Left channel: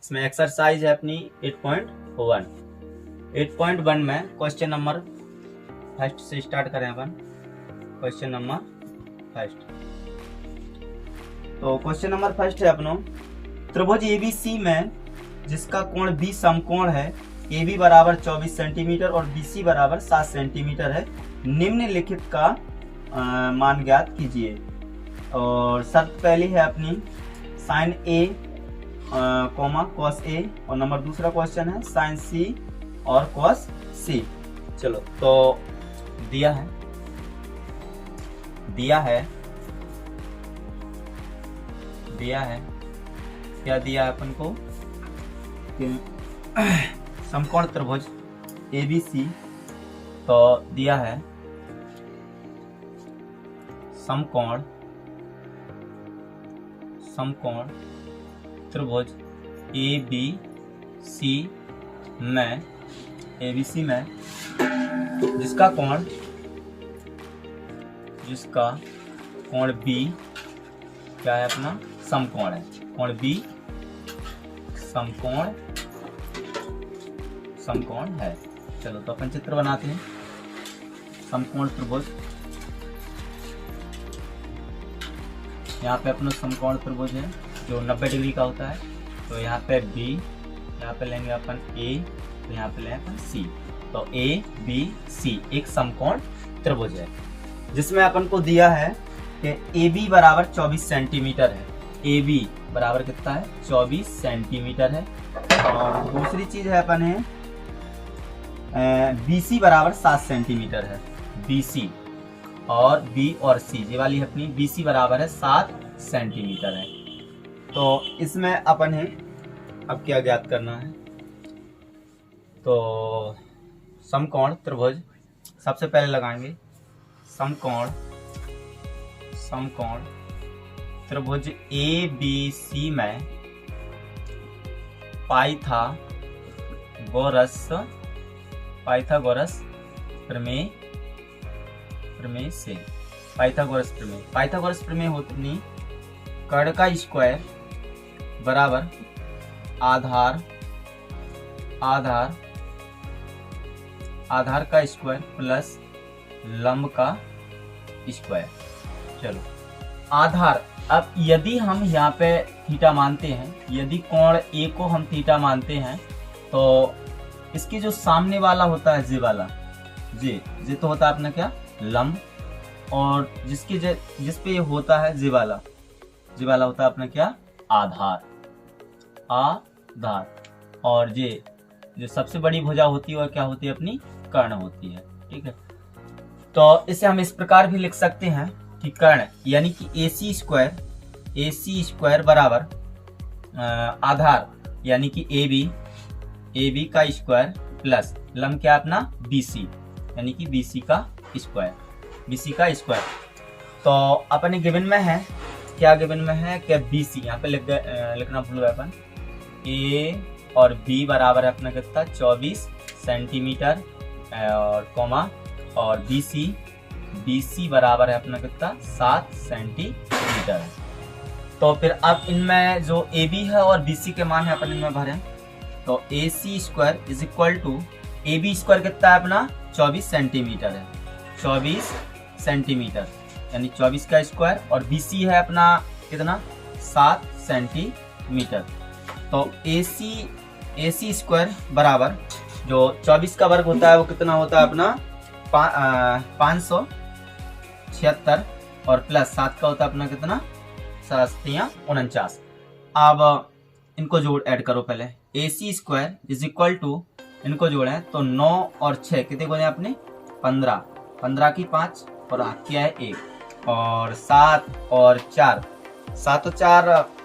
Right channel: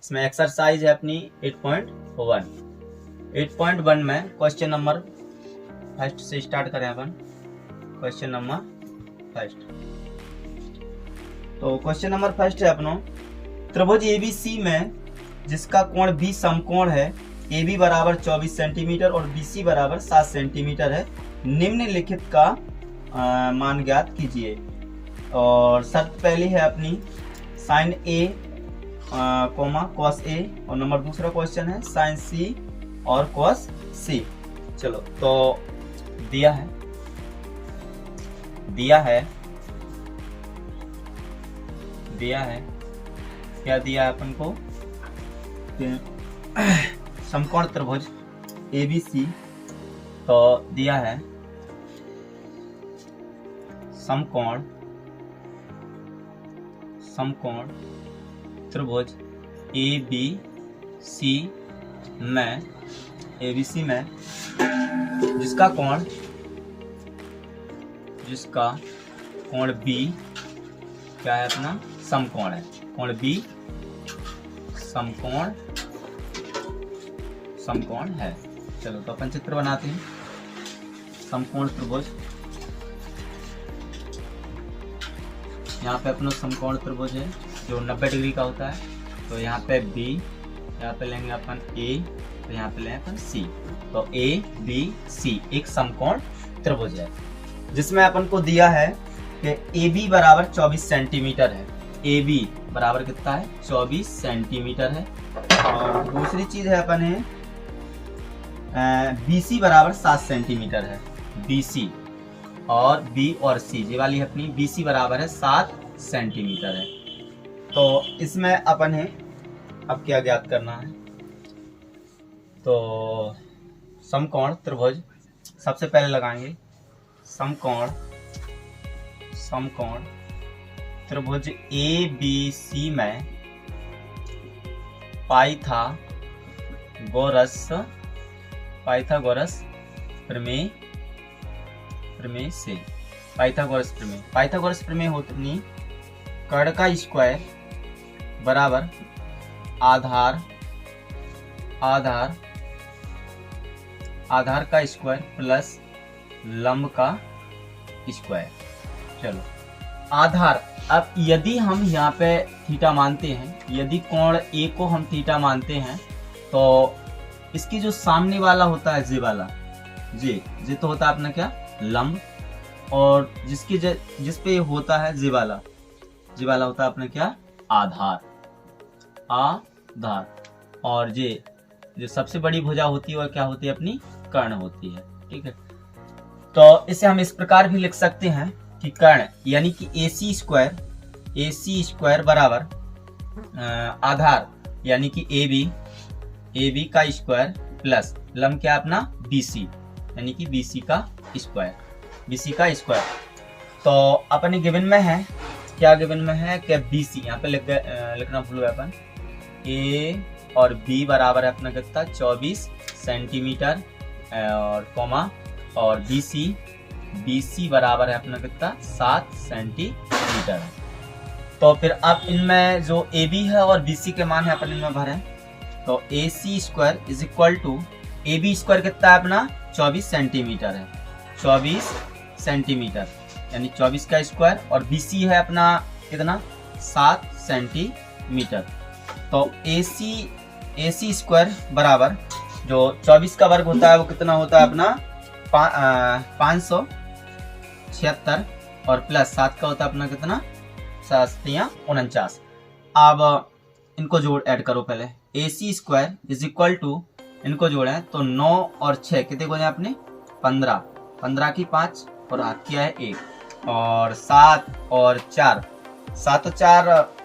इसमें एक्सरसाइज है अपनी 8.1। 8.1 में क्वेश्चन नंबर फर्स्ट से स्टार्ट करें अपन। क्वेश्चन नंबर फर्स्ट, तो क्वेश्चन नंबर फर्स्ट है अपनो, त्रिभुज एबीसी में जिसका कोण बी समकोण है, AB बराबर 24 सेंटीमीटर और BC बराबर 7 सेंटीमीटर है, निम्नलिखित का मान ज्ञात कीजिए। और शर्त पहली है अपनी sine A comma cos A, और नंबर दूसरा क्वेश्चन है साइन C और कॉस C। चलो तो दिया है क्या दिया है अपन को कि समकोण त्रिभुज ABC, तो दिया है समकोण त्रिभुज ABC में जिसका कोण B क्या है अपना समकोण है, कोण B समकोण है। चलो तो अपन चित्र बनाते हैं। समकोण त्रिभुज, यहाँ पे अपना समकोण त्रिभुज है जो 90 डिग्री का होता है। तो यहाँ पे B, यहाँ पे लेंगे अपन A, तो यहाँ पे लेंगे अपन C। तो ABC एक समकोण त्रिभुज है जिसमें अपन को दिया है कि AB बराबर 24 सेंटीमीटर है। AB बराबर कितना है? 24 सेंटीमीटर है। और दूसरी चीज है अपन है BC बराबर 7 सेंटीमीटर है। BC और B और C ये वाली अपनी BC बराबर है 7 सेंटीमीटर है। तो इसमें अपन है अब क्या ज्ञात करना है, तो समकोण त्रिभुज सबसे पहले लगाएंगे। समकोण त्रिभुज ABC में पाइथागोरस प्रमेय से पाइथागोरस प्रमेय होती कर्ण का स्क्वायर बराबर आधार का स्क्वायर प्लस लंब का स्क्वायर। चलो आधार, अब यदि हम यहाँ पे थीटा मानते हैं, यदि कोण A को हम थीटा मानते हैं, तो इसकी जो सामने वाला होता है जे वाला, जे तो होता है अपना क्या लंब, और जिस पे होता है जे वाला होता है अपना क्या आधार। और जो सबसे बड़ी भुजा होती है वह क्या होती है अपनी कर्ण होती है। ठीक है, तो इसे हम इस प्रकार भी लिख सकते हैं कि कर्ण यानी कि AC स्क्वायर बराबर आधार यानी कि AB का स्क्वायर प्लस लंब क्या अपना BC यानी कि BC का स्क्वायर। तो अपने गिवन में है क्या BC, यहाँ पे लिखना भूल गए अपन। A और B बराबर है अपना कितना 24 सेंटीमीटर और कोमा, और BC बराबर है अपना कितना 7 सेंटीमीटर है। तो फिर अब इनमें जो AB है और BC के मान है अपन इनमें भरें, तो AC square is equal to AB square कितना है अपना 24 सेंटीमीटर है, 24 सेंटीमीटर यानी 24 का स्क्वायर, और BC है अपना कितना 7 सेंटीमीटर। तो AC स्क्वायर बराबर जो 24 का वर्ग होता है वो कितना होता है अपना 576, और प्लस 7 का होता है अपना कितना 749। अब इनको ऐड करो पहले। AC square is equal to, इनको जोड़ें तो 9 और 6 कितने को जाए अपने 15 की 5 और हाथ किया है 1, और 7 और 4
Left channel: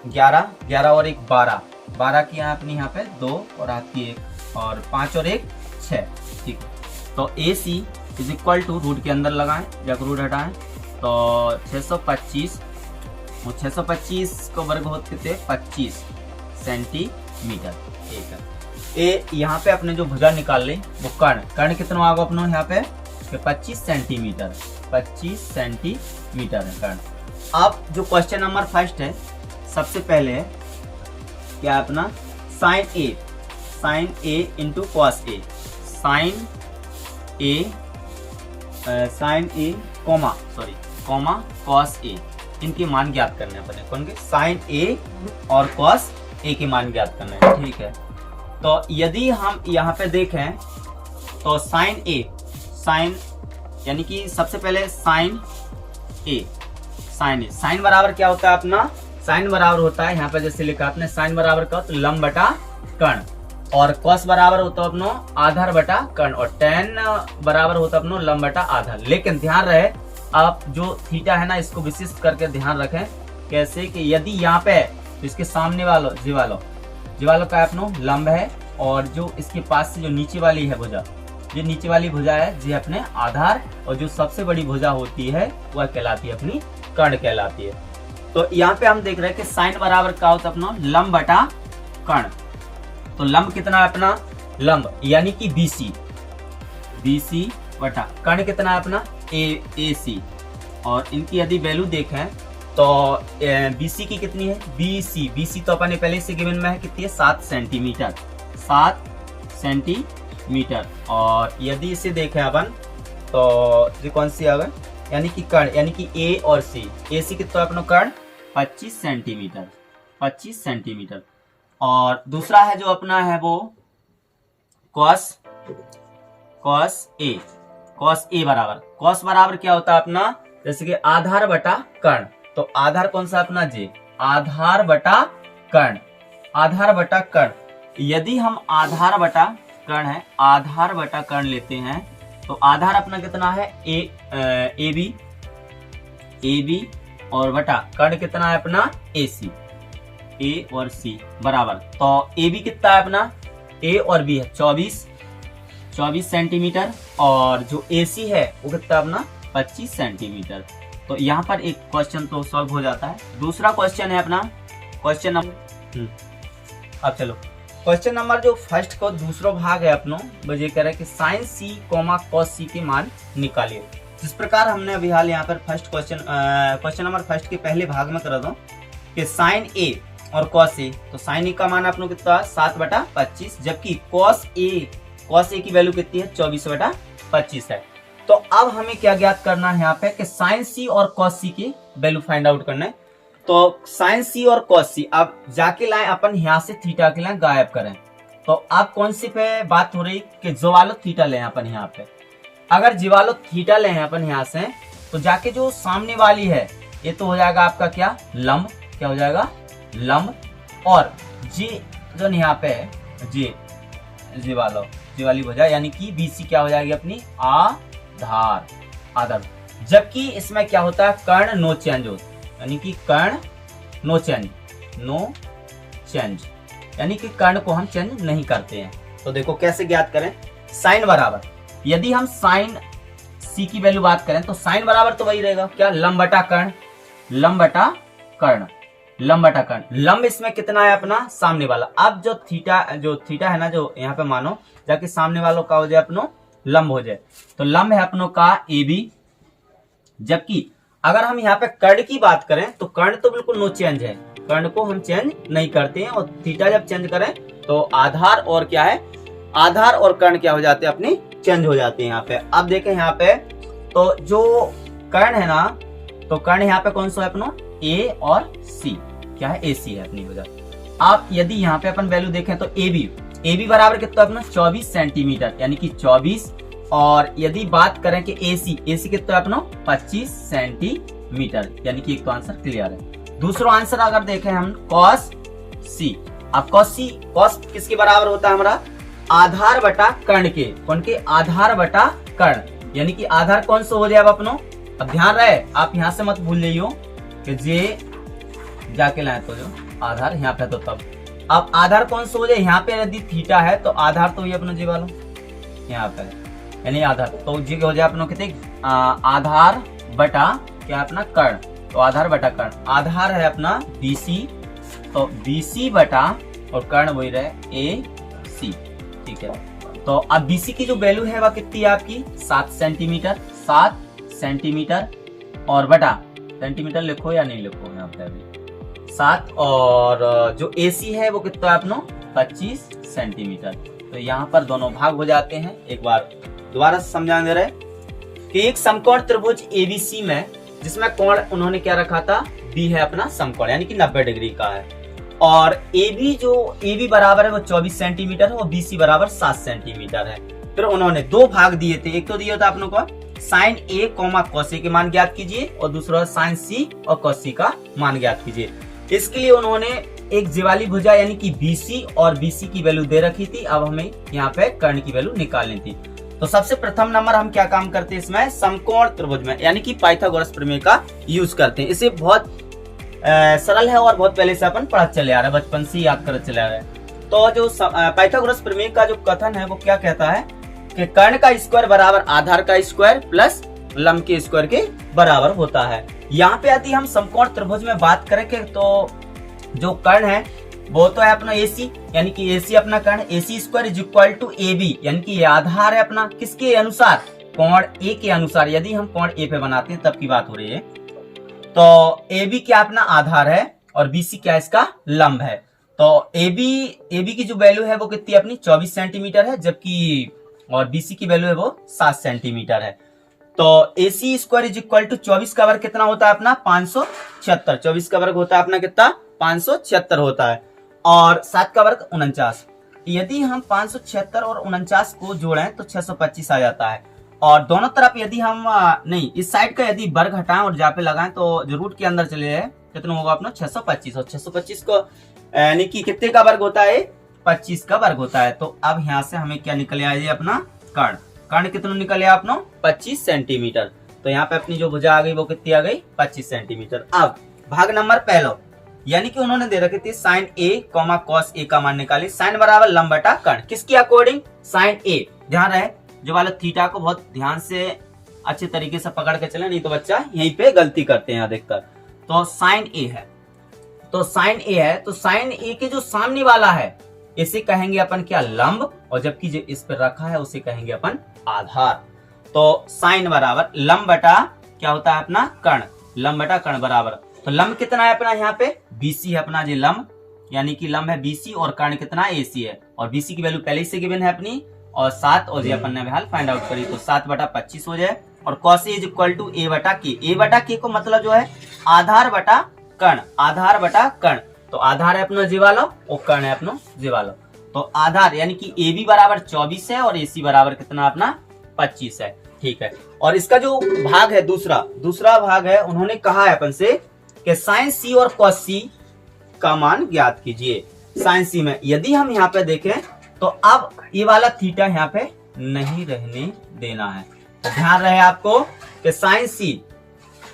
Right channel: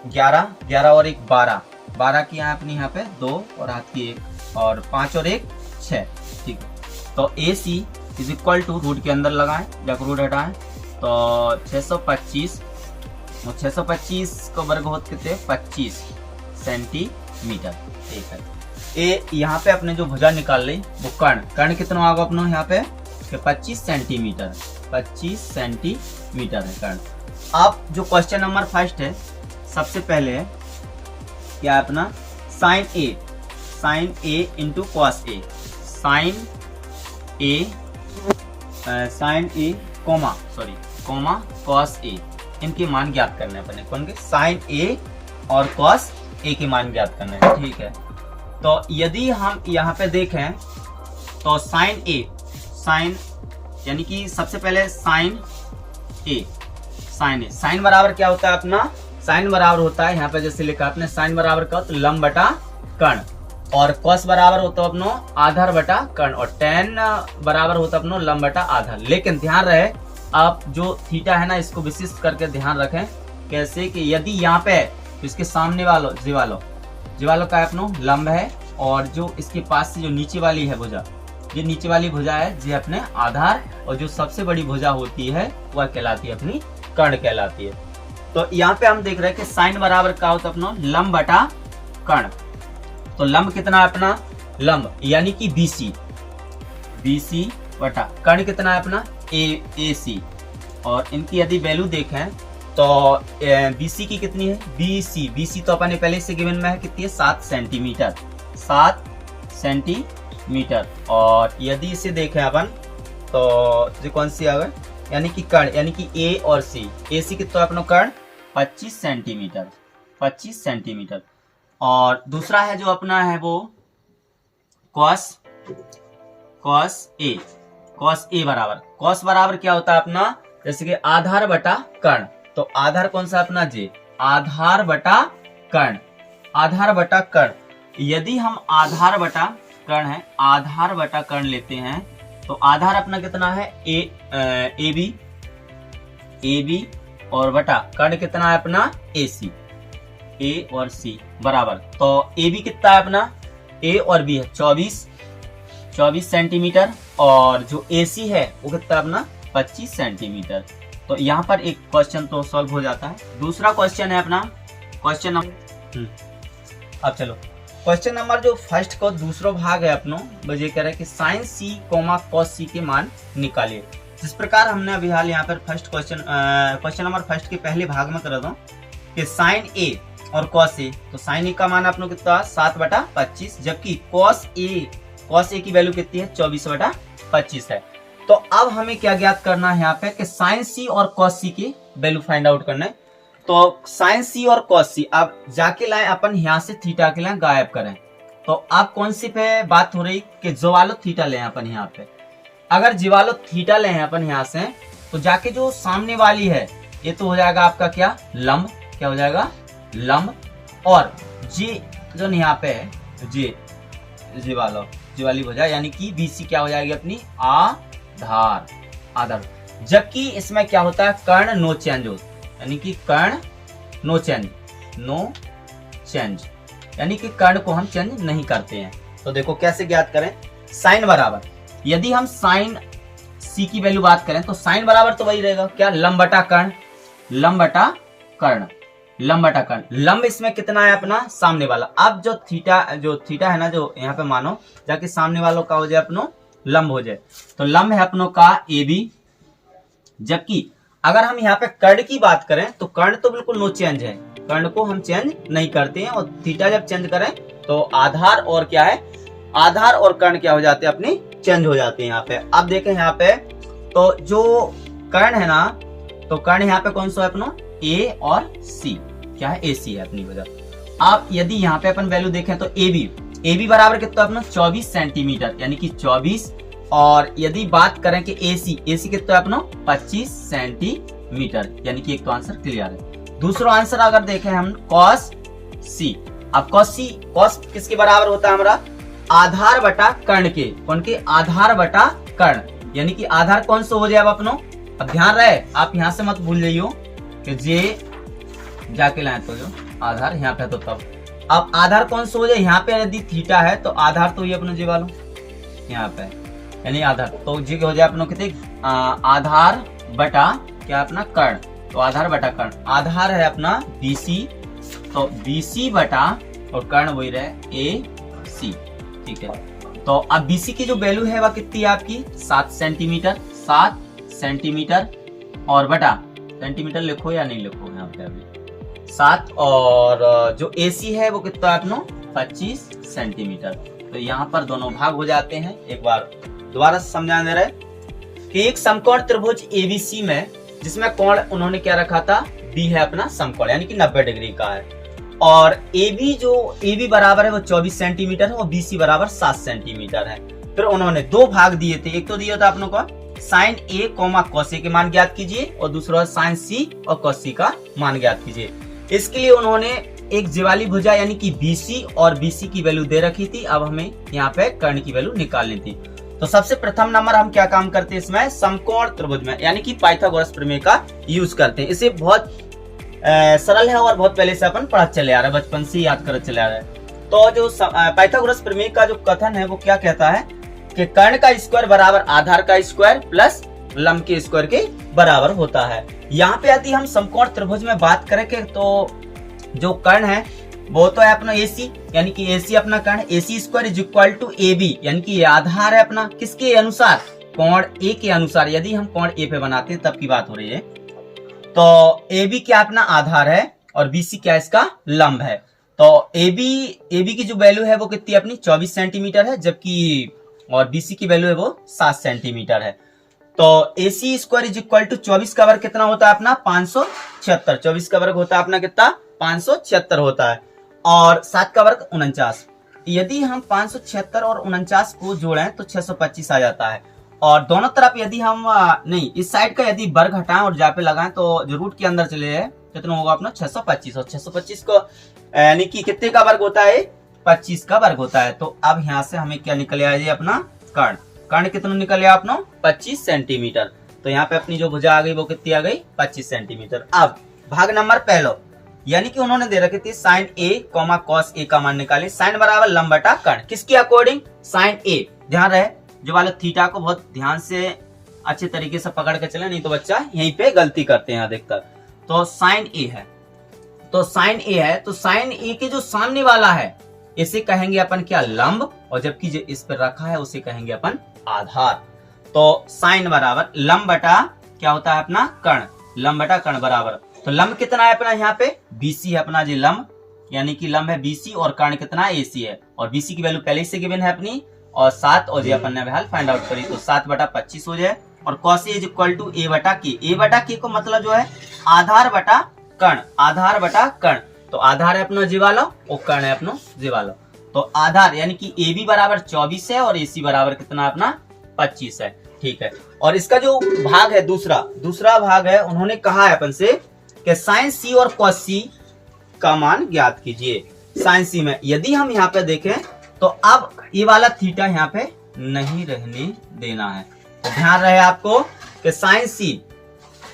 11 और 1 12 की है अपनी यहाँ पे 2 और हाथ की 1, और 5 और 1 6। ठीक है, तो AC is equal to root के अंदर लगाएं, जब रूट हटाएं तो 625, और 625 को वर्ग होते कितने 25 सेंटीमीटर। ठीक है, ए यहाँ पे अपने जो भुजा निकाल ली वो कर्ण कितना होगा अपना यहाँ पे कि 25 सेंटीमीटर, 25 सेंटीमीटर है कर्ण। अब जो क्वेश्चन नंबर फर्स्ट है, सबसे पहले है क्या है अपना sign A into cos A, sign A comma cos A, इनके मान ज्ञात करने पड़े। कौन के? साइन ए और कॉस ए के मान ज्ञात करने हैं, ठीक है। तो यदि हम यहाँ पे देखें तो साइन यानी कि सबसे पहले साइन बराबर क्या होता है अपना? साइन बराबर होता है यहाँ पे जैसे लिखा आपने, साइन बराबर का तो लंब बटा कर्ण, और कॉस बराबर होता है अपनो आधार बटा कर्ण, और टेन बराबर होता है अपनो लंब बटा आधार। लेकिन ध्यान रहे आप जो थीटा है ना, इसको विशिष्ट करके ध्यान रखें। कैसे कि यदि यहाँ पे इसके सामने वालों जीवालो का अपनो लंब है, और जो इसके पास से जो नीचे वाली है भुजा, जो नीचे वाली भुजा है जी अपने आधार, और जो सबसे बड़ी भुजा होती है वह कहलाती है अपनी कर्ण कहलाती है। तो यहाँ पे हम देख रहे हैं कि साइन बराबर क्या होता है अपना? लंब बटा कर्ण। तो लंब कितना है अपना? लंब यानी कि BC बटा कर्ण कितना है अपना? AC। और इनकी यदि वैल्यू देखें तो BC की कितनी है? BC तो अपने पहले से गिवन में है, कितनी है? 7 सेंटीमीटर। और यदि इसे देखें अपन तो जो कौन सी आ गए, यानी कि कर्ण यानी कि A और C, AC कितना अपना कर्ण? 25 सेंटीमीटर। और दूसरा है जो अपना है वो कॉस ए बराबर, कॉस बराबर क्या होता है अपना? जैसे कि आधार बटा कर्ण। तो आधार कौन सा अपना? जे आधार बटा कर्ण। यदि हम आधार बटा कर्ण लेते हैं तो आधार अपना कितना है? AB और बटा कर्ण कितना है अपना? AC। A और C बराबर, तो AB कितना है अपना? A और B है 24 सेंटीमीटर, और जो AC है वो कितना अपना? 25 सेंटीमीटर। तो यहाँ पर एक क्वेश्चन तो सॉल्व हो जाता है। दूसरा क्वेश्चन है अपना क्वेश्चन नंबर, अब चलो क्वेश्चन नंबर जो फर्स्ट का दूसरा भाग है अपनो, मुझे कह रहा है कि साइन C कॉस C के मान निकालिए। जिस प्रकार हमने अभी हाल यहाँ पर फर्स्ट क्वेश्चन नंबर फर्स्ट के पहले भाग में कर दो कि साइन A और कॉस A, तो साइन A का मान अपनों कितना? 7/25, जबकि कॉस A की वैल्यू कितनी है? 24/25 है। तो अब हमें क्या ज्ञात करना है यहाँ पे कि साइन C और कॉस C की वैल्यू फाइंड आउट करना है। तो साइन C और कॉस C अब जाके लाए अपन यहाँ से थीटा के लाए गायब करें। तो अब कौन सी पे बात हो रही कि जो वालो थीटा ले अपन यहाँ पे, अगर जीवालो थीटा ले अपन यहाँ से, तो जाके जो सामने वाली है ये तो हो जाएगा आपका क्या? लंब। क्या हो जाएगा? लंब। और जी जो यहाँ पे है जी वाली भुजा यानी कि BC क्या हो जाएगी अपनी? आधार। जबकि इसमें क्या होता है? कर्ण नो चेंज होता, यानी कि कर्ण नो चेंज, यानी कि कर्ण को हम चेंज नहीं करते हैं। तो देखो कैसे ज्ञात करें? साइन बराबर, यदि हम साइन C की वैल्यू बात करें तो साइन बराबर तो वही रहेगा क्या? लंब बटा कर्ण। लंब इसमें कितना है अपना? सामने वाला। अब जो थीटा है ना, जो यहाँ पे मानो जाके सामने वालों का हो जाए अपनो लंब हो जाए, तो लंब है अपनों का AB। जबकि अगर हम यहाँ पे कर्ण की बात करें तो कर्ण तो बिल्कुल नो चेंज है, कर्ण को हम चेंज नहीं करते हैं, और थीटा जब चेंज करें तो आधार और क्या है? आधार और कर्ण क्या हो जाते हैं? अपने चेंज हो जाते हैं यहाँ पे। अब देखें यहाँ पे तो जो कर्ण है ना, तो कर्ण यहाँ पे कौन सा है अपना? A और C, क्या है? AC है अपनी वजह। अब यदि यहाँ पे अपन वैल्यू देखें तो AB बराबर कितना अपना? 24 सेंटीमीटर, यानी कि 24। और यदि बात करें कि AC कितना अपना? 25 सेंटीमीटर, यानी कि एक तो आंसर क्लियर है। दूसरा आंसर अगर देखें हम कॉस C, अब कॉस किसके बराबर होता है हमारा? आधार बटा कर्ण के। कौन के? आधार बटा कर्ण, यानी कि आधार कौन सा हो जाए अब अपनो? अब ध्यान रहे आप यहाँ से मत भूल जाइयो कि जे जाके लाए तो जो आधार यहाँ पे, तो तब अब आधार कौन सा हो जाए? यहाँ पे यदि थीटा है तो आधार तो ये अपना जी वालों यहाँ पे, यानी आधार तो जी हो जाए अपनों कितने? आधार बटा क्या अपना? कर्ण। तो आधार बटा कर्ण, आधार है अपना BC, तो BC बटा और कर्ण वही रहे AC। ठीक है, तो अब BC की जो वैल्यू है वह कितनी है आपकी 7 सेंटीमीटर, 7 सेंटीमीटर और बटा सेंटीमीटर लिखो या नहीं लिखो यहाँ पे अभी 7, और जो AC है वो कितना है अपनो 25 सेंटीमीटर। तो यहाँ पर दोनों भाग हो जाते हैं। एक बार दोबारा समझाने दे रहे कि एक समकोण त्रिभुज ABC में जिसमें कोण उन्होंने क्या रखा था B है अपना समकोण यानी कि 90 डिग्री का है, और AB बराबर है वो 24 सेंटीमीटर है और BC बराबर 7 सेंटीमीटर है। फिर उन्होंने दो भाग दिए थे, एक तो दिया था अपनों को साइन A cos A के मान ज्ञात कीजिए और दूसरा साइन C और cos C का मान ज्ञात कीजिए। इसके लिए उन्होंने एक ज्वाली भुजा यानी कि BC और BC की वैल्यू दे रखी थी। अब हमें यहाँ पे कर्ण की वैल्यू निकालनी थी। तो सबसे प्रथम नंबर हम क्या काम करते हैं इसमें समकोण त्रिभुज में यानी कि पाइथागोरस प्रमेय का यूज करते हैं। इसे बहुत सरल है और बहुत पहले से अपन पढ़ते चले आ रहे हैं, बचपन से याद करते चले आ रहे हैं। तो जो पाइथागोरस प्रमेय का जो कथन है वो क्या कहता है कि कर्ण का स्क्वायर बराबर आधार का स्क्वायर प्लस लंब के स्क्वायर के बराबर होता है। यहाँ पे यदि हम समकोण त्रिभुज में बात करें तो जो कर्ण है वो तो है अपना AC यानी कि AC अपना कर्ण AC square is equal to AB यानी कि ये आधार है अपना किसके अनुसार कोण A के अनुसार। यदि हम कोण A पे बनाते हैं तब की बात हो रही है। तो AB क्या अपना आधार है और BC क्या इसका लंब है। तो AB की जो वैल्यू है वो कितनी अपनी 24 सेंटीमीटर है, जबकि और BC की वैल्यू है वो 7 सेंटीमीटर है। तो AC square is equal to 24 का वर्ग कितना होता है अपना 576। 24 का वर्ग होता है अपना कितना 576 होता है और 7 का वर्ग 49। यदि हम 576 और 49 को जोड़ें तो 625 आ जाता है। और दोनों तरफ यदि हम नहीं इस साइड का यदि वर्ग हटाएं और जहाँ पे लगाएं तो जो रूट के अंदर चले जाए कितना होगा अपना 625 और 625 को यानी कि कितने का वर्ग होता है 25 का वर्ग होता है। तो अब यहाँ से हमें क्या निकल आया अपना कर्ण कितना निकल आया अपना 25 सेंटीमीटर। तो यहाँ पे अपनी जो भुजा आ गई वो कितनी आ गई 25 सेंटीमीटर। अब भाग नंबर पहला यानी कि उन्होंने दे रखे थे साइन A cos A का मान निकाले। साइन बराबर लंब बटा कर्ण किसके अकॉर्डिंग साइन A। ध्यान रहे जो वाला थीटा को बहुत ध्यान से अच्छे तरीके से पकड़ के चले, नहीं तो बच्चा यहीं पे गलती करते हैं अधिकतर। तो साइन A है तो साइन A है तो साइन A के जो सामने वाला है इसे कहेंगे अपन क्या लंब, और जबकि जो इस पर रखा है उसे कहेंगे अपन आधार। तो साइन बराबर लंब बटा क्या होता है अपना कर्ण, लंब बटा कर्ण बराबर। तो लंब कितना है अपना यहाँ पे BC है अपना जी लंब यानी कि लंब है BC और कर्ण कितना AC है और BC की वैल्यू पहले से गिवन है अपनी और 7 और ये अपन ने हाल फाइंड आउट करी तो 7 बटा 25 हो जाए और cos A is equal to A बटा K। A बटा K को मतलब जो है आधार बटा कर्ण, आधार बटा कर्ण। तो आधार है अपना जीवालो और कर्ण है अपना जीवालो। तो आधार यानी कि AB बराबर 24 है और AC बराबर कितना अपना 25 है। ठीक है, और इसका जो भाग है दूसरा भाग है उन्होंने कहा है अपन से कि साइन C और cos C का मान ज्ञात कीजिए। साइन C में यदि हम यहाँ पे देखें तो अब ये वाला थीटा यहाँ पे नहीं रहने देना है। तो ध्यान रहे आपको कि साइन C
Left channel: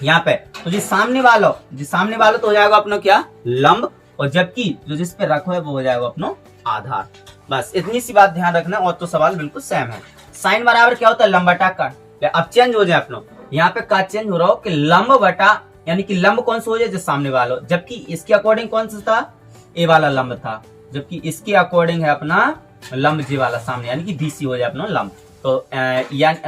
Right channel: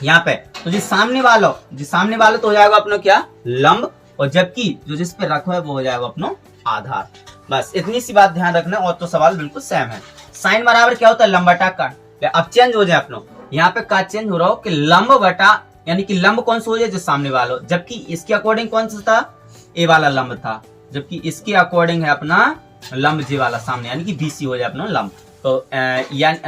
यहाँ पे तो जी सामने वाला तो हो जाएगा अपना क्या लंब, और जबकि जो जिस पे रखो है वो हो जाएगा अपना आधार। बस इतनी सी बात ध्यान रखना और तो सवाल बिल्कुल सेम है। साइन बराबर क्या होता है लंब बटा कर्ण। अब चेंज हो जाए अपना यहाँ पे का चेंज हो रहा हो कि लंब बटा यानी कि लंब कौन सा हो जाए जो सामने वाला, जबकि इसके अकॉर्डिंग कौन सा था ए वाला लंब था, जबकि इसके अकॉर्डिंग है अपना लंब जे वाला सामने यानी कि BC हो जाए अपना लंब। तो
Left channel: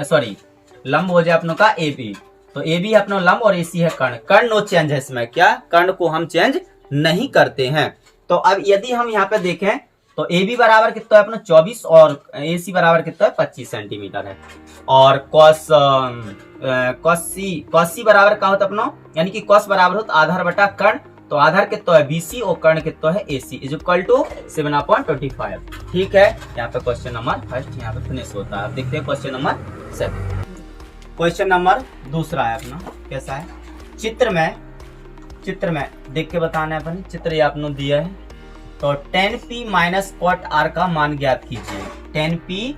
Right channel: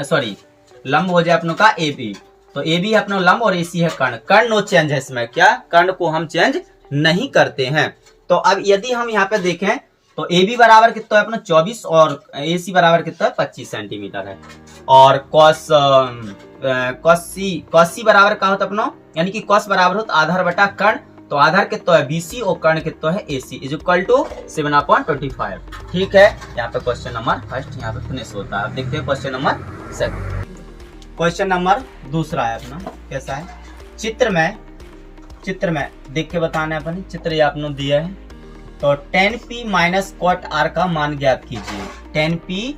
सॉरी लंब हो जाए अपनों का AB। तो AB है अपना लंब और AC है कर्ण नो चेंज है इसमें, क्या कर्ण को हम चेंज नहीं करते हैं। तो अब यदि हम यहाँ पे देखें तो AB बराबर कितना है अपना 24 और AC बराबर कितना है 25 सेंटीमीटर है। और cos C बराबर क्या होता अपना यानी कि cos बराबर होता आधार बटा कर्ण। तो आधार कितना है BC और कर्ण कितना है AC इज इक्वल टू 7/25। ठीक है, यहाँ पे क्वेश्चन नंबर फर्स्ट यहाँ पे फिनिश होता है। अब देखते हैं question number second. Question number दूसरा है अपना कैसा है चित्र में देख के बताना है अपन। चित्र ये आपने दिया है तो tan P minus cot R का मान ज्ञात कीजिए। tan P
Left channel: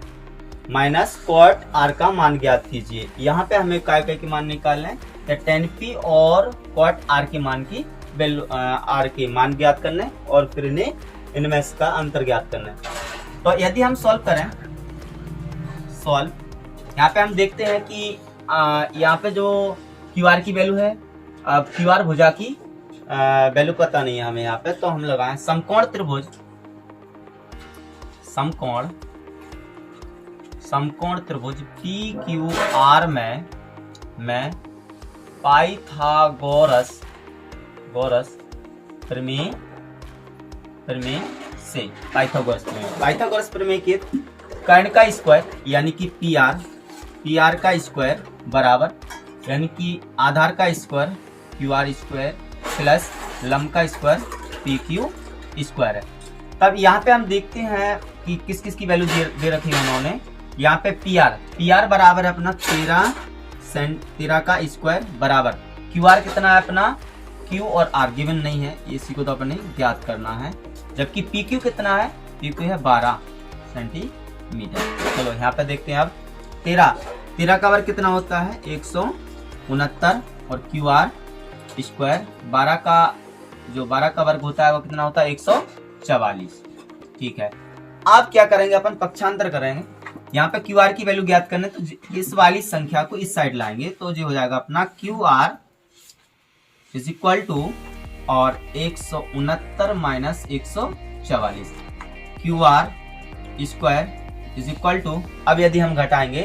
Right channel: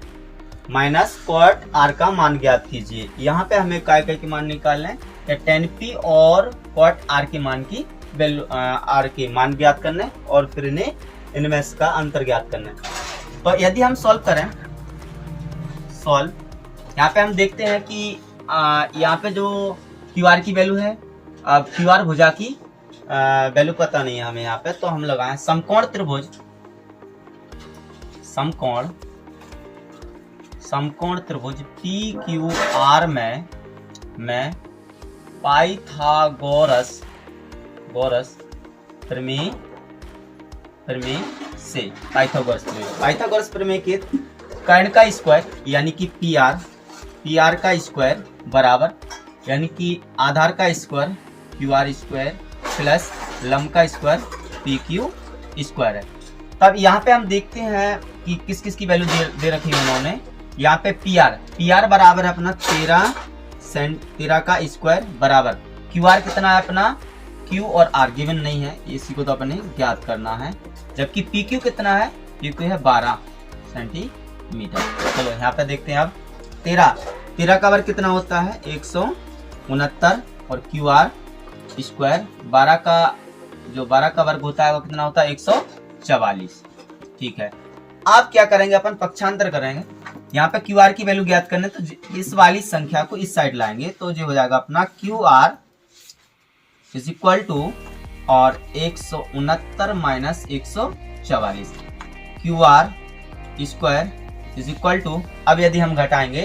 minus cot R का मान ज्ञात कीजिए। यहाँ पे हमें काय के मान निकालना है tan P और cot R के मान की वैल्यू R के मान ज्ञात करना है और फिर इनमें इसका अंतर ज्ञात करना है। तो यदि हम सॉल्व करें यहाँ पे हम देखते हैं कि यहाँ पे जो QR की वैल्यू है QR भुजा की वैल्यू पता नहीं है हमें यहाँ पे, तो हम लगाएं समकोण समकोण त्रिभुज पी क्यू आर में पाइथागोरस प्रमेय से पाइथागोरस प्रमेय के कर्ण का स्क्वायर यानी कि पी आर का स्क्वायर बराबर यानी कि आधार का square Q R square plus लंब का स्क्वायर पी क्यू स्क्वायर है। तब यहाँ पे हम देखते हैं कि किस किस की वैल्यू दे रखी है उन्होंने। यहाँ पे पी आर बराबर है अपना 13 का स्क्वायर बराबर क्यू आर कितना है अपना, क्यू और आर गिवन नहीं है, इसी को तो अपने ज्ञात करना है। जबकि पी क्यू कितना है, पी क्यू है 12 सेंटीमीटर। चलो यहाँ पे देखते हैं अब 13 का वर्ग कितना होता है 169 और क्यू आर स्क्वायर 12 का वर्ग होता है वो कितना होता है 144। ठीक है, अब क्या करेंगे अपन पक्षांतर करेंगे। यहाँ पे क्यू आर की वैल्यू ज्ञात करने तो इस वाली संख्या को इस साइड लाएंगे तो जो हो जाएगा अपना Q R is equal to और 169 minus 144 Q R square is equal to. अब यदि हम घटाएंगे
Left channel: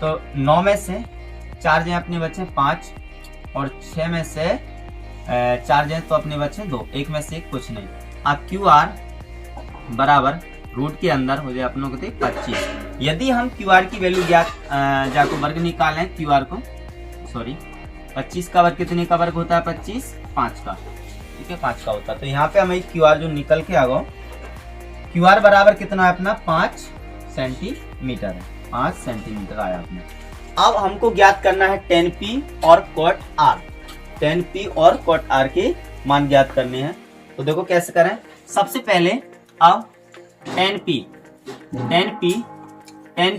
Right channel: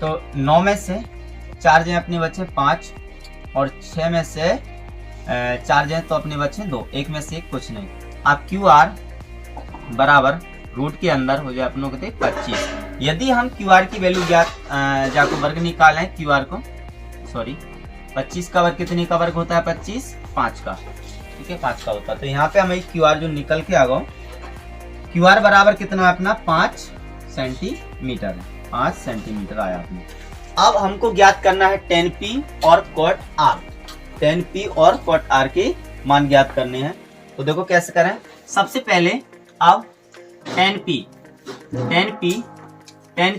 तो 9 में से 4 जगह अपने बचे 5 और 6 में से 4 जगह तो अपने बचे 2, 1 में से 1 कुछ नहीं। अब क्यू आर बराबर रूट के अंदर हो जाए अपनों को 25। यदि हम क्यू आर की वैल्यू जाको वर्ग निकालें क्यू आर को 25 का वर्ग कितने का वर्ग होता है 25 5 का, ठीक है 5 का होता है। तो यहाँ पे हमें क्यू आर जो निकल के आ गया क्यू आर बराबर कितना है अपना 5 सेंटीमीटर है, 5 सेंटीमीटर आया अपने। अब हमको ज्ञात करना है tan P और cot R, tan P और cot R के मान ज्ञात करने हैं। तो देखो कैसे करें। सबसे पहले अब tan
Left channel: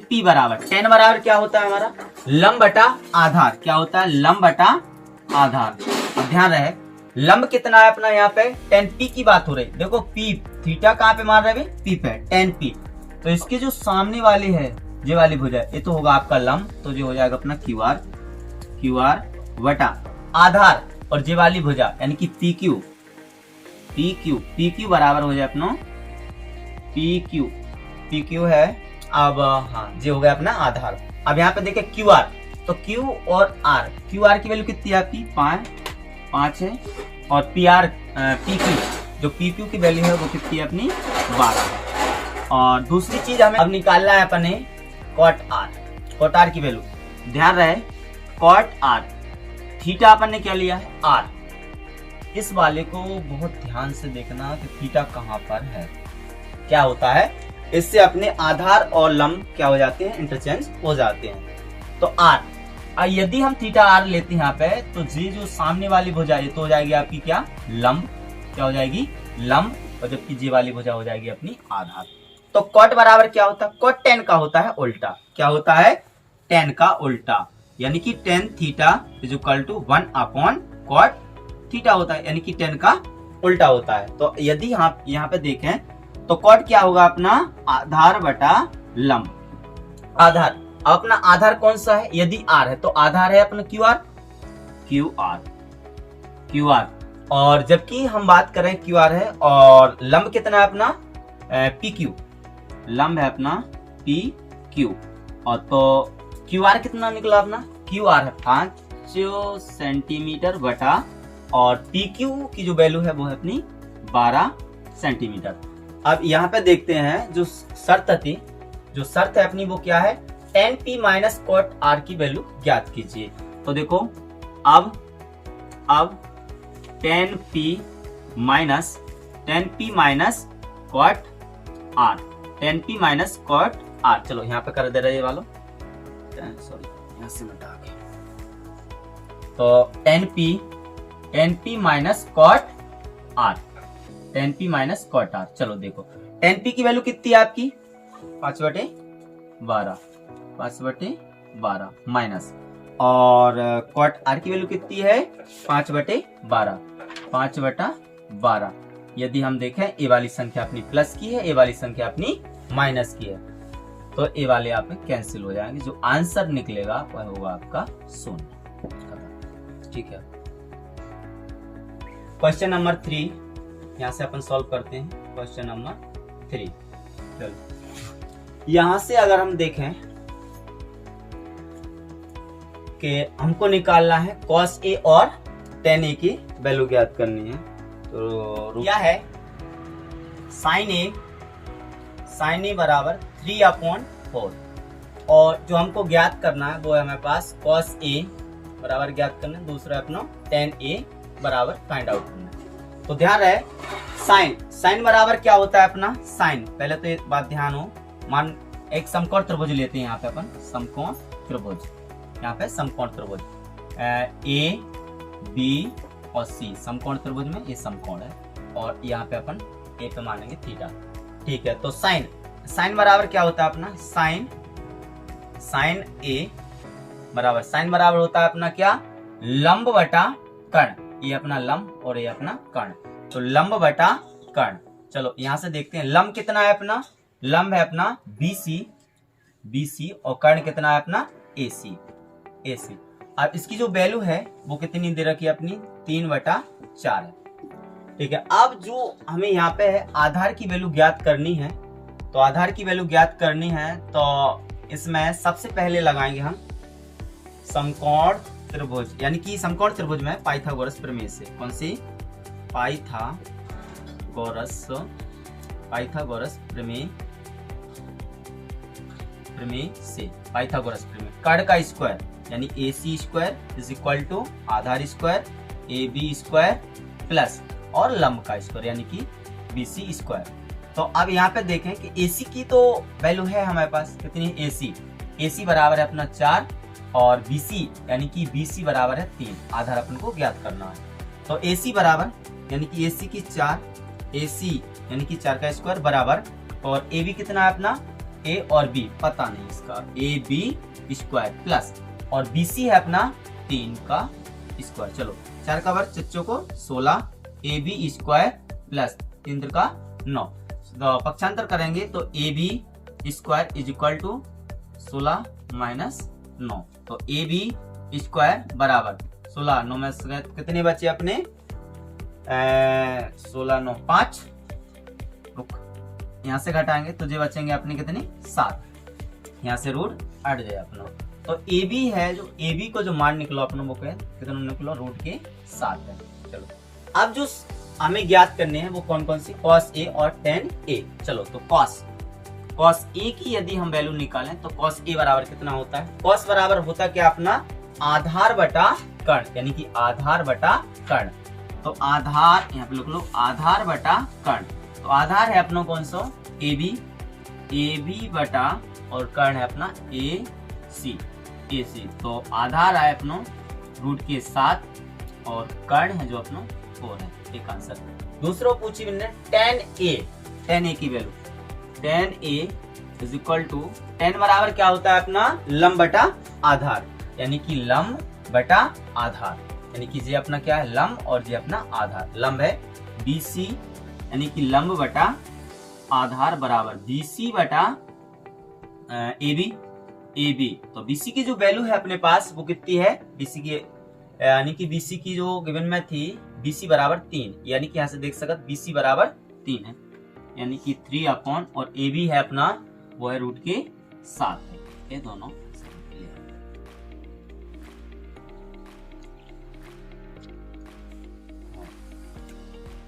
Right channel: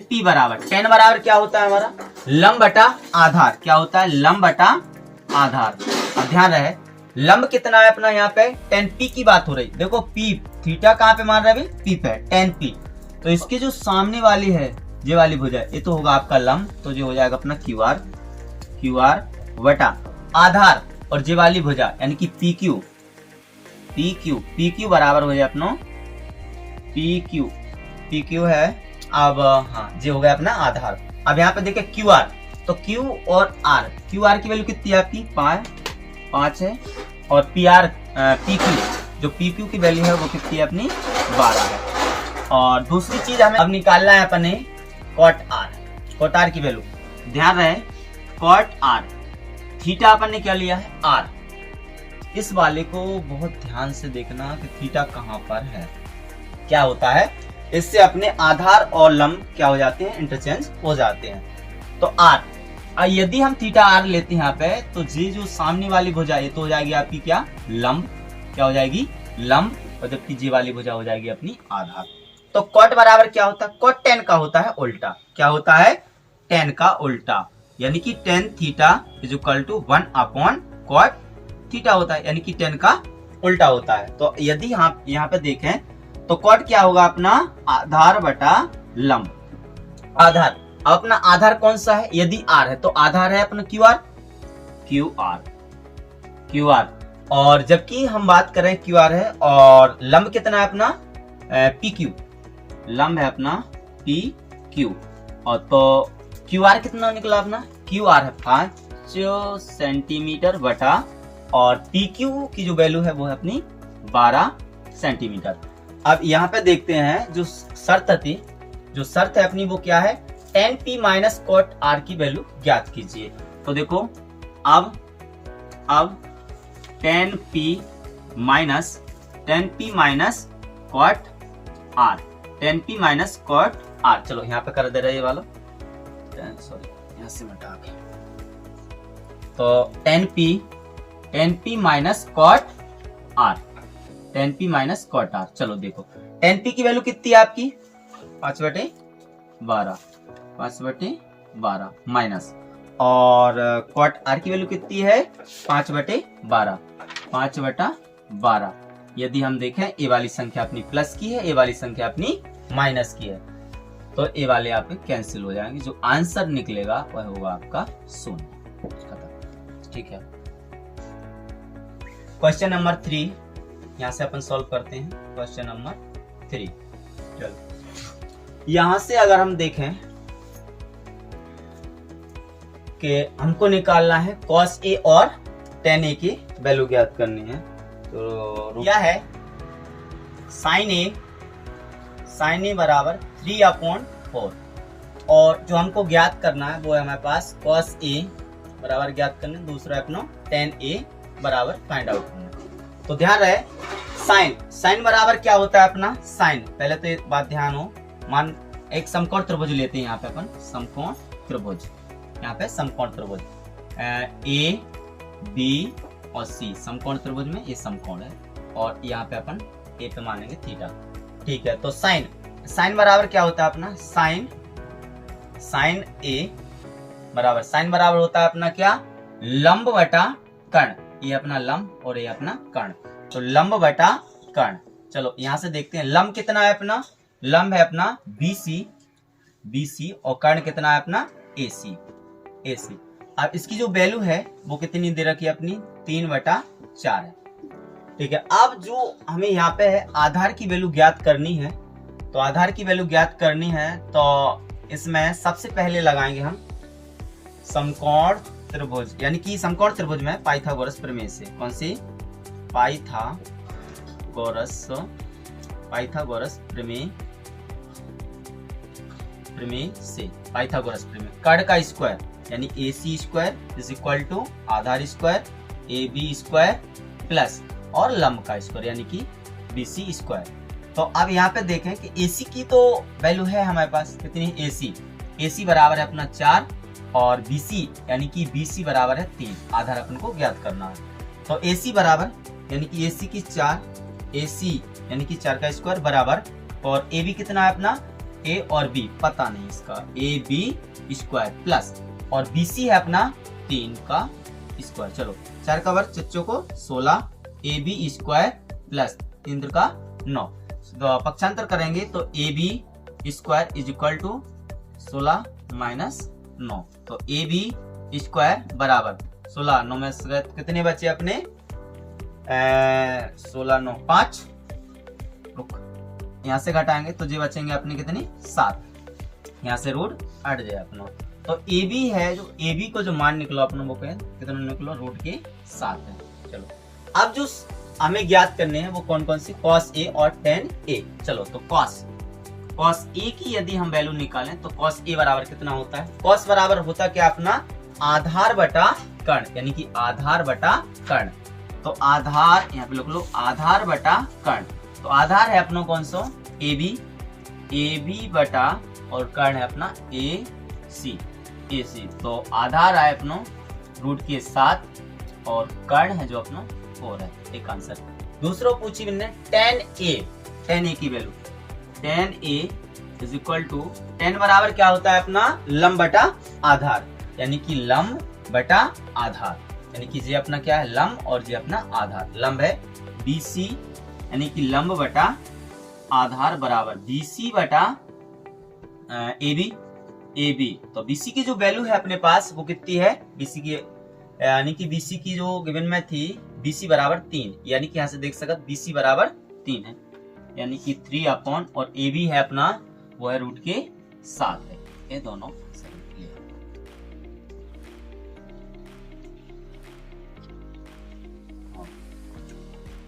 P बराबर tan बराबर क्या होता है हमारा लंब बटा आधार, क्या होता है लंब बटा आधार। अब ध्यान रहे लंब कितना है अपना यहाँ पे tan P की बात हो रही। देखो P थीटा कहाँ पे मान रहा है P पे tan P, तो इसकी जो सामने वाली है ये वाली भुजा ये तो होगा आपका लंब, तो जो हो जाएगा अपना क्यू आर बटा आधार और ये वाली भुजा यानी कि पी क्यू बराबर हो जाए अपना पी क्यू है। अब हाँ ये हो गया अपना आधार। अब यहाँ पे देखे क्यू आर, तो क्यू और आर, क्यू आर की वैल्यू कितनी है आपकी 5 है और पी क्यू जो पी क्यू की वैल्यू है वो कितनी है अपनी 12 है। और दूसरी चीज हमें अब निकालना है अपने कॉट आर की वैल्यू। ध्यान रहे कॉट आर थीटा अपन ने क्या लिया है आर। इस वाले को बहुत ध्यान से देखना कि थीटा कहाँ पर है। क्या होता है इससे अपने आधार और लंब क्या हो जाते हैं इंटरचेंज हो जाते हैं। तो आर यदि हम थीटा आर लेते हैं यहाँ पे तो जी जो सामने वाली भुजा ये तो हो जाएगी आपकी क्या लंब, क्या हो जाएगी लंब, और जबकि जी वाली भुजा हो जाएगी अपनी आधार। तो कॉट बराबर क्या होता है कॉट tan का होता है उल्टा, क्या होता है tan का उल्टा, यानी कि tan theta is equal to 1 cot theta होता है, यानी कि tan का उल्टा होता है। तो यदि हम यहाँ पे देखें तो कॉट क्या होगा अपना आधार बटा लंब। आधार अपना आधार कौन सा है यदि आर है तो आधार है अपना क्यू आर और जबकि हम बात करें क्यू आर है और लंब कितना है अपना पी क्यू, लंब है अपना पी क्यू। और तो क्यू आर कितना निकला अपना क्यू आर है 5 सेंटीमीटर बटा और पी क्यू की जो वैल्यू है वो है अपनी 12 सेंटीमीटर। अब यहाँ पे देखते हैं जो शर्त है अपनी वो क्या है tan P minus cot R की वैल्यू ज्ञात कीजिए। तो देखो अब tan P minus cot R, tan P minus cot R। चलो यहाँ पे कर दे रहे ये वाला सॉरी यहाँ से मिटा के। तो tan P minus cot R, tan P minus cot R। चलो देखो tan P की वैल्यू कितनी है आपकी 5/12 माइनस और कॉट R की वैल्यू कितनी है 5/12। यदि हम देखें ए वाली संख्या अपनी प्लस की है ए वाली संख्या अपनी माइनस की है तो ए वाले आप कैंसिल हो जाएंगे, जो आंसर निकलेगा वह होगा आपका 0। ठीक है, क्वेश्चन नंबर 3 यहाँ से अपन सॉल्व करते हैं। क्वेश्चन नंबर 3 चलो यहाँ से अगर हम देखें कि हमको निकालना है cos A और tan A की वैल्यू ज्ञात करनी है। तो क्या है sin A बराबर 3/4 और जो हमको ज्ञात करना है वो है हमारे पास cos A बराबर ज्ञात करना है, दूसरा अपना tan A बराबर फाइंड आउट करना है। तो ध्यान रहे साइन बराबर क्या होता है अपना साइन, पहले तो एक बात ध्यान हो, मान एक समकोण त्रिभुज लेते हैं यहाँ पे अपन समकोण त्रिभुज, यहाँ पे समकोण त्रिभुज ए बी और सी समकोण त्रिभुज में ये समकोण है और यहाँ पे अपन ए पे मानेंगे थीटा। ठीक है, तो साइन बराबर क्या होता है अपना साइन ए बराबर साइन बराबर होता है अपना क्या लंब बटा कर्ण, ये अपना लंब और ये अपना कर्ण, तो लंब बटा कर्ण। चलो यहाँ से देखते हैं लंब कितना है अपना, लंब है अपना BC और कर्ण कितना है अपना AC। अब इसकी जो वैल्यू है वो कितनी दे रखी है अपनी 3/4 है। ठीक है, अब जो हमें यहाँ पे है आधार की वैल्यू ज्ञात करनी है, तो आधार की वैल्यू ज्ञात करनी है तो इसमें सबसे पहले लगाएंगे हम समकोण त्रिभुज, यानी कि समकोण त्रिभुज में पाइथागोरस प्रमेय से, कौन सी पाइथागोरस प्रमेय से, पाइथागोरस प्रमेय कर्ण का स्क्वायर यानी AC square is equal to आधार स्क्वायर AB स्क्वायर प्लस और लंब का स्क्वायर यानी कि BC स्क्वायर। तो अब यहाँ पे देखें कि AC की तो वैल्यू है हमारे पास कितनी, AC बराबर है अपना 4 और BC यानी कि BC बराबर है 3, आधार अपन को ज्ञात करना है। तो AC बराबर यानी कि AC की 4, AC यानी कि 4 का स्क्वायर बराबर और AB कितना है अपना A और B पता नहीं इसका, AB स्क्वायर प्लस और BC है अपना 3 का स्क्वायर। चलो 4 का वर्ग चच्चों को 16, AB स्क्वायर प्लस 3 का 9, तो पक्षांतर करेंगे तो AB square is equal to 16 minus 9, तो AB स्क्वायर बराबर 16 9 में से कितने बचे अपने 16 9 5, यहाँ से घटाएंगे तो जो बचेंगे अपने कितनी 7, यहाँ से रूट हट जाए अपना। तो AB है जो AB को जो मान निकलो अपना वो कितना निकलो रूट के 7 है। चलो अब जो हमें ज्ञात करने हैं वो कौन कौन सी cos A और tan A। चलो तो cos A की यदि हम वैल्यू निकालें तो cos A बराबर कितना होता है, cos बराबर होता क्या अपना आधार बटा कर्ण यानी कि आधार बटा कर्ण। तो आधार यहाँ पे लिख लो आधार बटा कर्ण, तो आधार है अपना कौन सा AB बटा और कर्ण है अपना AC। तो आधार है अपना रूट के 7 और कर्ण है जो अपना 4 है, एक आंसर। दूसरा पूछी मैंने tan A की वैल्यू, tan A is equal to tan बराबर क्या होता है अपना लंब बटा आधार यानी कि लंब बटा आधार, यानी कि ये अपना क्या है लंब और ये अपना आधार। लंब है BC यानी कि लंब बटा आधार बराबर BC बटा AB। तो BC की जो वैल्यू है अपने पास वो कितनी है, BC की यानी कि BC की जो गिवन में थी BC बराबर 3, यानी कि यहाँ से देख सकते BC बराबर 3 है यानी कि 3 और AB है अपना वो है रूट के 7 है, ये दोनों सही है।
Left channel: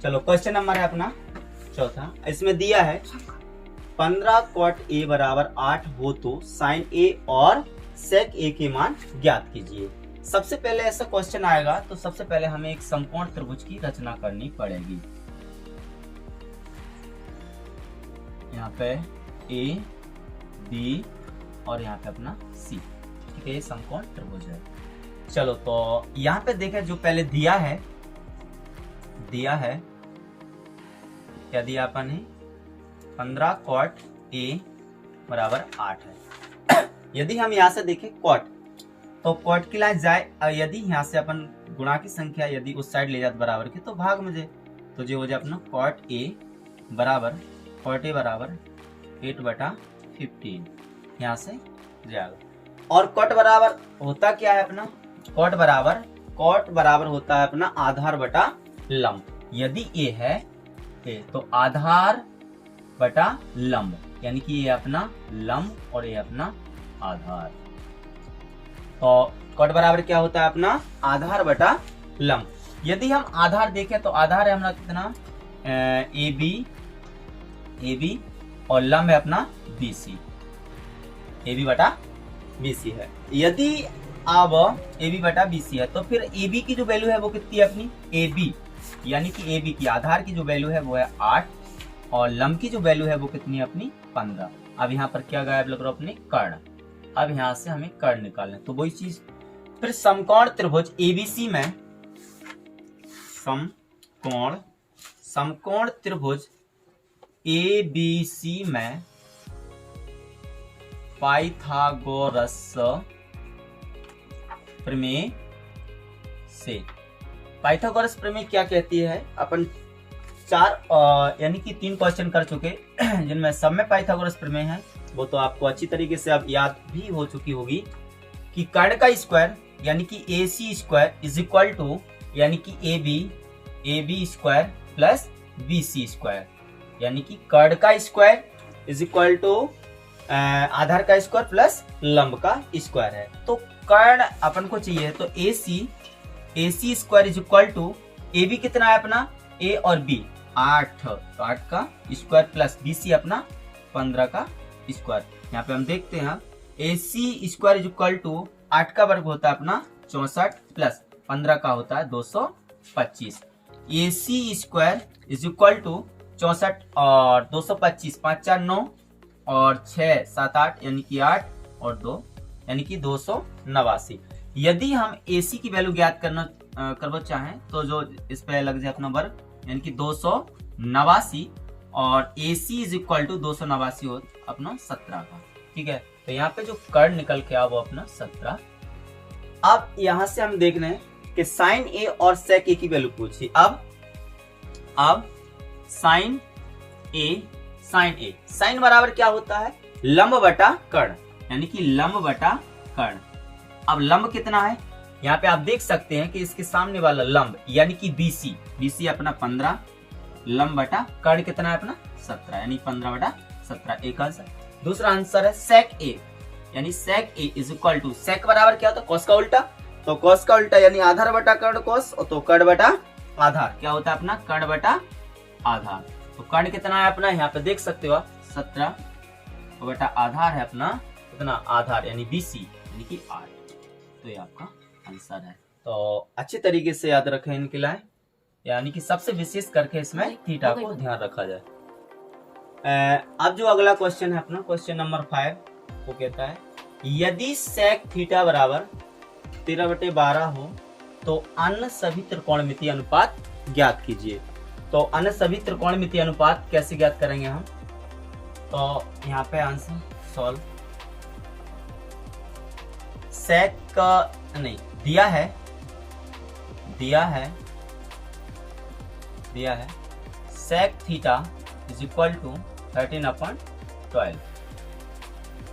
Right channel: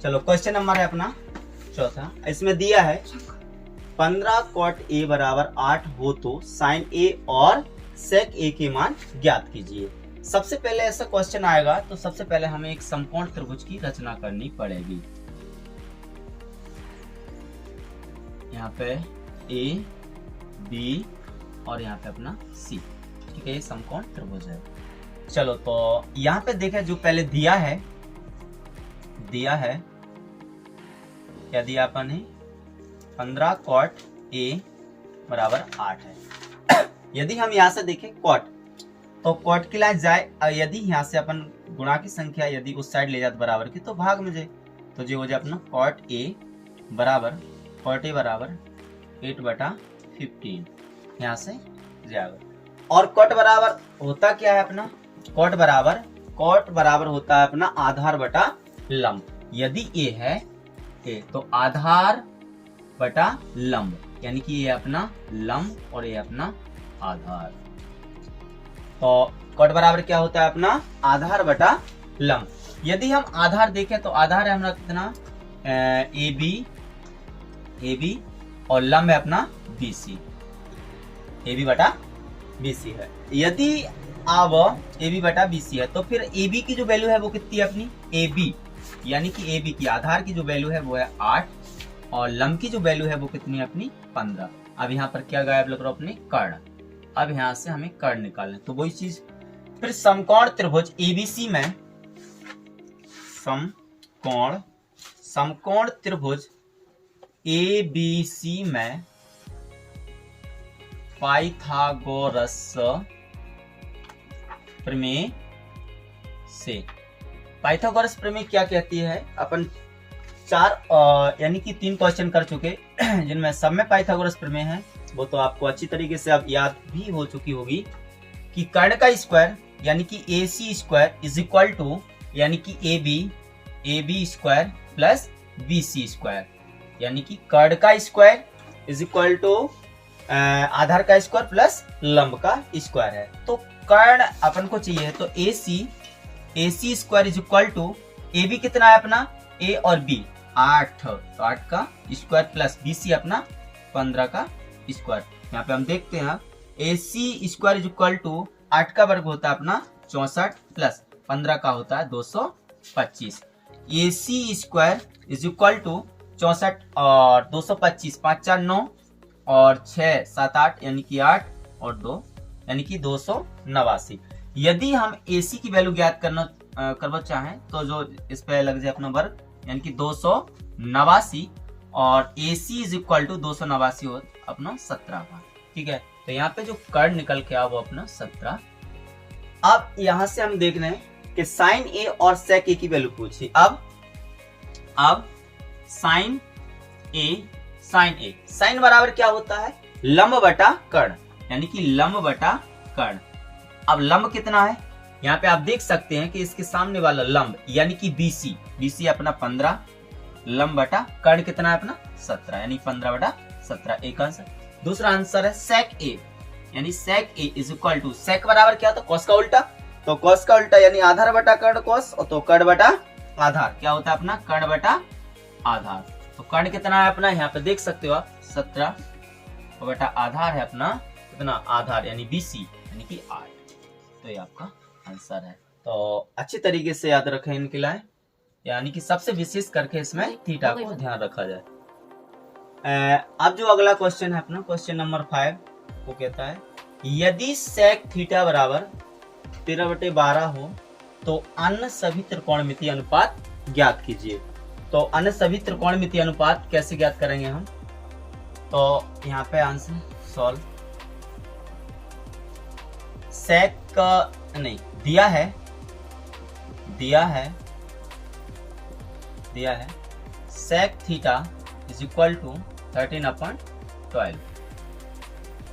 चलो क्वेश्चन नंबर है अपना चौथा, इसमें दिया है 15 cot A बराबर 8 हो तो sin A और sec A के मान ज्ञात कीजिए। सबसे पहले ऐसा क्वेश्चन आएगा तो सबसे पहले हमें एक समकोण त्रिभुज की रचना करनी पड़ेगी। यहाँ पे A B और यहाँ पे अपना C, ठीक है, ये समकोण त्रिभुज है। चलो तो यहाँ पे देखें जो पहले दिया है क्या दिया अपन ने 15 cot A बराबर 8 है। यदि हम यहाँ से देखें cot, तो cot की लाइन जाए, यदि यहाँ से अपन गुणा की संख्या यदि उस साइड ले जाते बराबर की तो भाग में जाए, तो जो हो जाए अपना cot A बराबर 8/15 यहाँ से जाएगा। और cot बराबर होता क्या है अपना, cot बराबर होता है अपना आधार बटा लंब। यदि A है तो आधार बटा लंब यानी कि ये अपना लंब और ये अपना आधार। तो कॉट बराबर क्या होता है अपना आधार बटा लंब। यदि हम आधार देखें तो आधार है हमारा कितना ए बी और लंब है अपना बी सी, ए बी बटा बी सी है। यदि अब ए बी बटा बी सी है तो फिर ए बी की जो वैल्यू है वो कितनी है अपनी ए बी, यानी कि ए बी की आधार की जो वैल्यू है वो है 8 और लंब की जो वैल्यू है वो कितनी है अपनी 15। अब यहाँ पर क्या गायब लग रहा है अपनी कर्ण। अब यहाँ से हमें कर्ण निकालना, तो वही चीज फिर समकोण त्रिभुज एबीसी में समकोण त्रिभुज एबीसी में पाइथागोरस प्रमेय से, पाइथागोरस प्रमेय क्या कहती है, अपन 4 यानी कि 3 क्वेश्चन कर चुके जिनमें सब में पाइथागोरस प्रमेय है। वो तो आपको अच्छी तरीके से अब याद भी हो चुकी होगी कि कर्ण का स्क्वायर यानी कि A C square is equal to यानी कि A B square plus B C square, यानी कि कर्ण का स्क्वायर इज इक्वल टू आधार का स्क्वायर प्लस लंब का स्क्वायर है। तो कर्ण अपन को चाहिए तो A C square is equal to A B कितना है अपना ए और बी 8, तो 8 का स्क्वायर प्लस बी सी अपना 15 का स्क्वायर। यहाँ पे हम देखते हैं ए C square is equal to 8 का वर्ग होता है अपना 64 प्लस 15 का होता है 225। ए C square is equal to 64 और 225, 5 4 9 और 6 7 8 यानी कि 8 और 2 यानी कि 289। यदि हम ए सी की वैल्यू ज्ञात करना चाहें तो जो इस पे लग जाए अपना वर्ग यानी कि 289 और ए सी इज इक्वल टू 289 हो अपना 17 का, ठीक है। तो यहाँ पे जो कर्ण निकल के आ वो अपना 17। अब यहाँ से हम देख रहे हैं कि साइन ए और सेक ए की वैल्यू पूछी। अब साइन साइन बराबर क्या होता है लंब बटा कर्ण, यानी कि लंब बटा कर्ण। अब लंब कितना है यहाँ पे आप देख सकते हैं कि इसके सामने वाला लंब यानी कि बीसी अपना 15, लंब बटा कर्ण कितना है अपना 17 यानी 15 बटा 17, एक आंसर। दूसरा आंसर है सेक ए, यानी सेक ए इज इक्वल टू सेक बराबर क्या होता है कॉस का उल्टा, तो कॉस का उल्टा यानी आधार बटा कर्ण कॉस, तो कर्ण बटा आधार क्या होता है अपना कर्ण बटा आधार। तो कर्ण कितना है अपना यहाँ पे देख सकते हो आप 17 बटा आधार है अपना कितना आधार यानी बीसी यानी कि 8। तो ये आपका आंसर है। तो अच्छी तरीके से याद रखें इनके लिए, यानी कि सबसे विशेष करके इसमें थीटा को ध्यान रखा जाए। अब जो अगला क्वेश्चन है अपना क्वेश्चन नंबर 5 वो कहता है यदि सेक थीटा बराबर 13/12 हो तो अन्य सभी त्रिकोणमितीय अनुपात ज्ञात कीजिए। तो अन्य सभी त्रिकोणमितीय अनुपात कैसे ज्ञात करेंगे हम, तो यहाँ पे आंसर सॉल्व सेक का नहीं दिया है sec theta is equal to 13/12।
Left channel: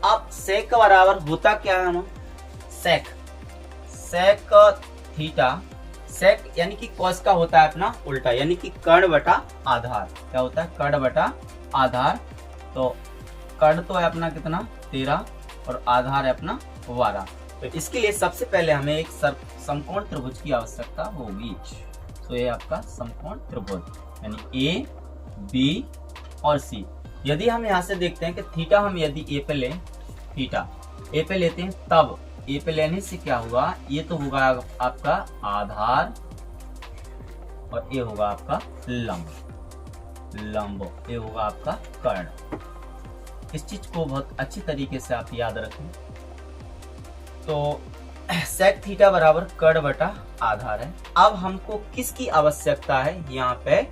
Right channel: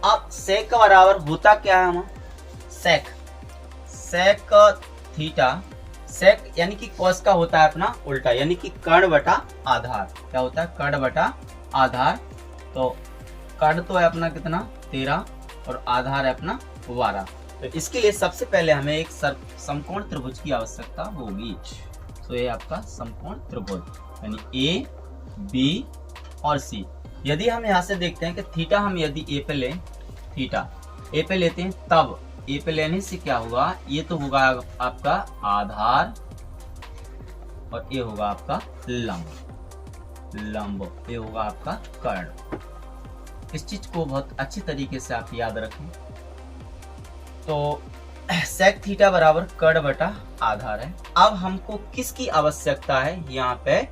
अब सेक का बराबर होता क्या है हम सेक थीटा, सेक यानी कि कॉस का होता है अपना उल्टा यानी कि कर्ण बटा आधार, क्या होता है कर्ण बटा आधार। तो कर्ण तो है अपना कितना 13 और आधार है अपना 12। तो इसके लिए सबसे पहले हमें एक समकोण त्रिभुज की आवश्यकता होगी। तो ये आपका समकोण त्रिभुज यानी ए बी और सी। यदि हम यहाँ से देखते हैं कि थीटा हम यदि ए पे लें, थीटा ए पे लेते हैं तब ए पे लेने से क्या होगा, ये तो होगा आपका आधार और ये होगा आपका लंब, ये होगा आपका कर्ण। इस चीज को बहुत अच्छी तरीके से आप याद रखें। तो सेक थीटा बराबर कर्ण बटा आधार है। अब हमको किसकी आवश्यकता है यहाँ पे,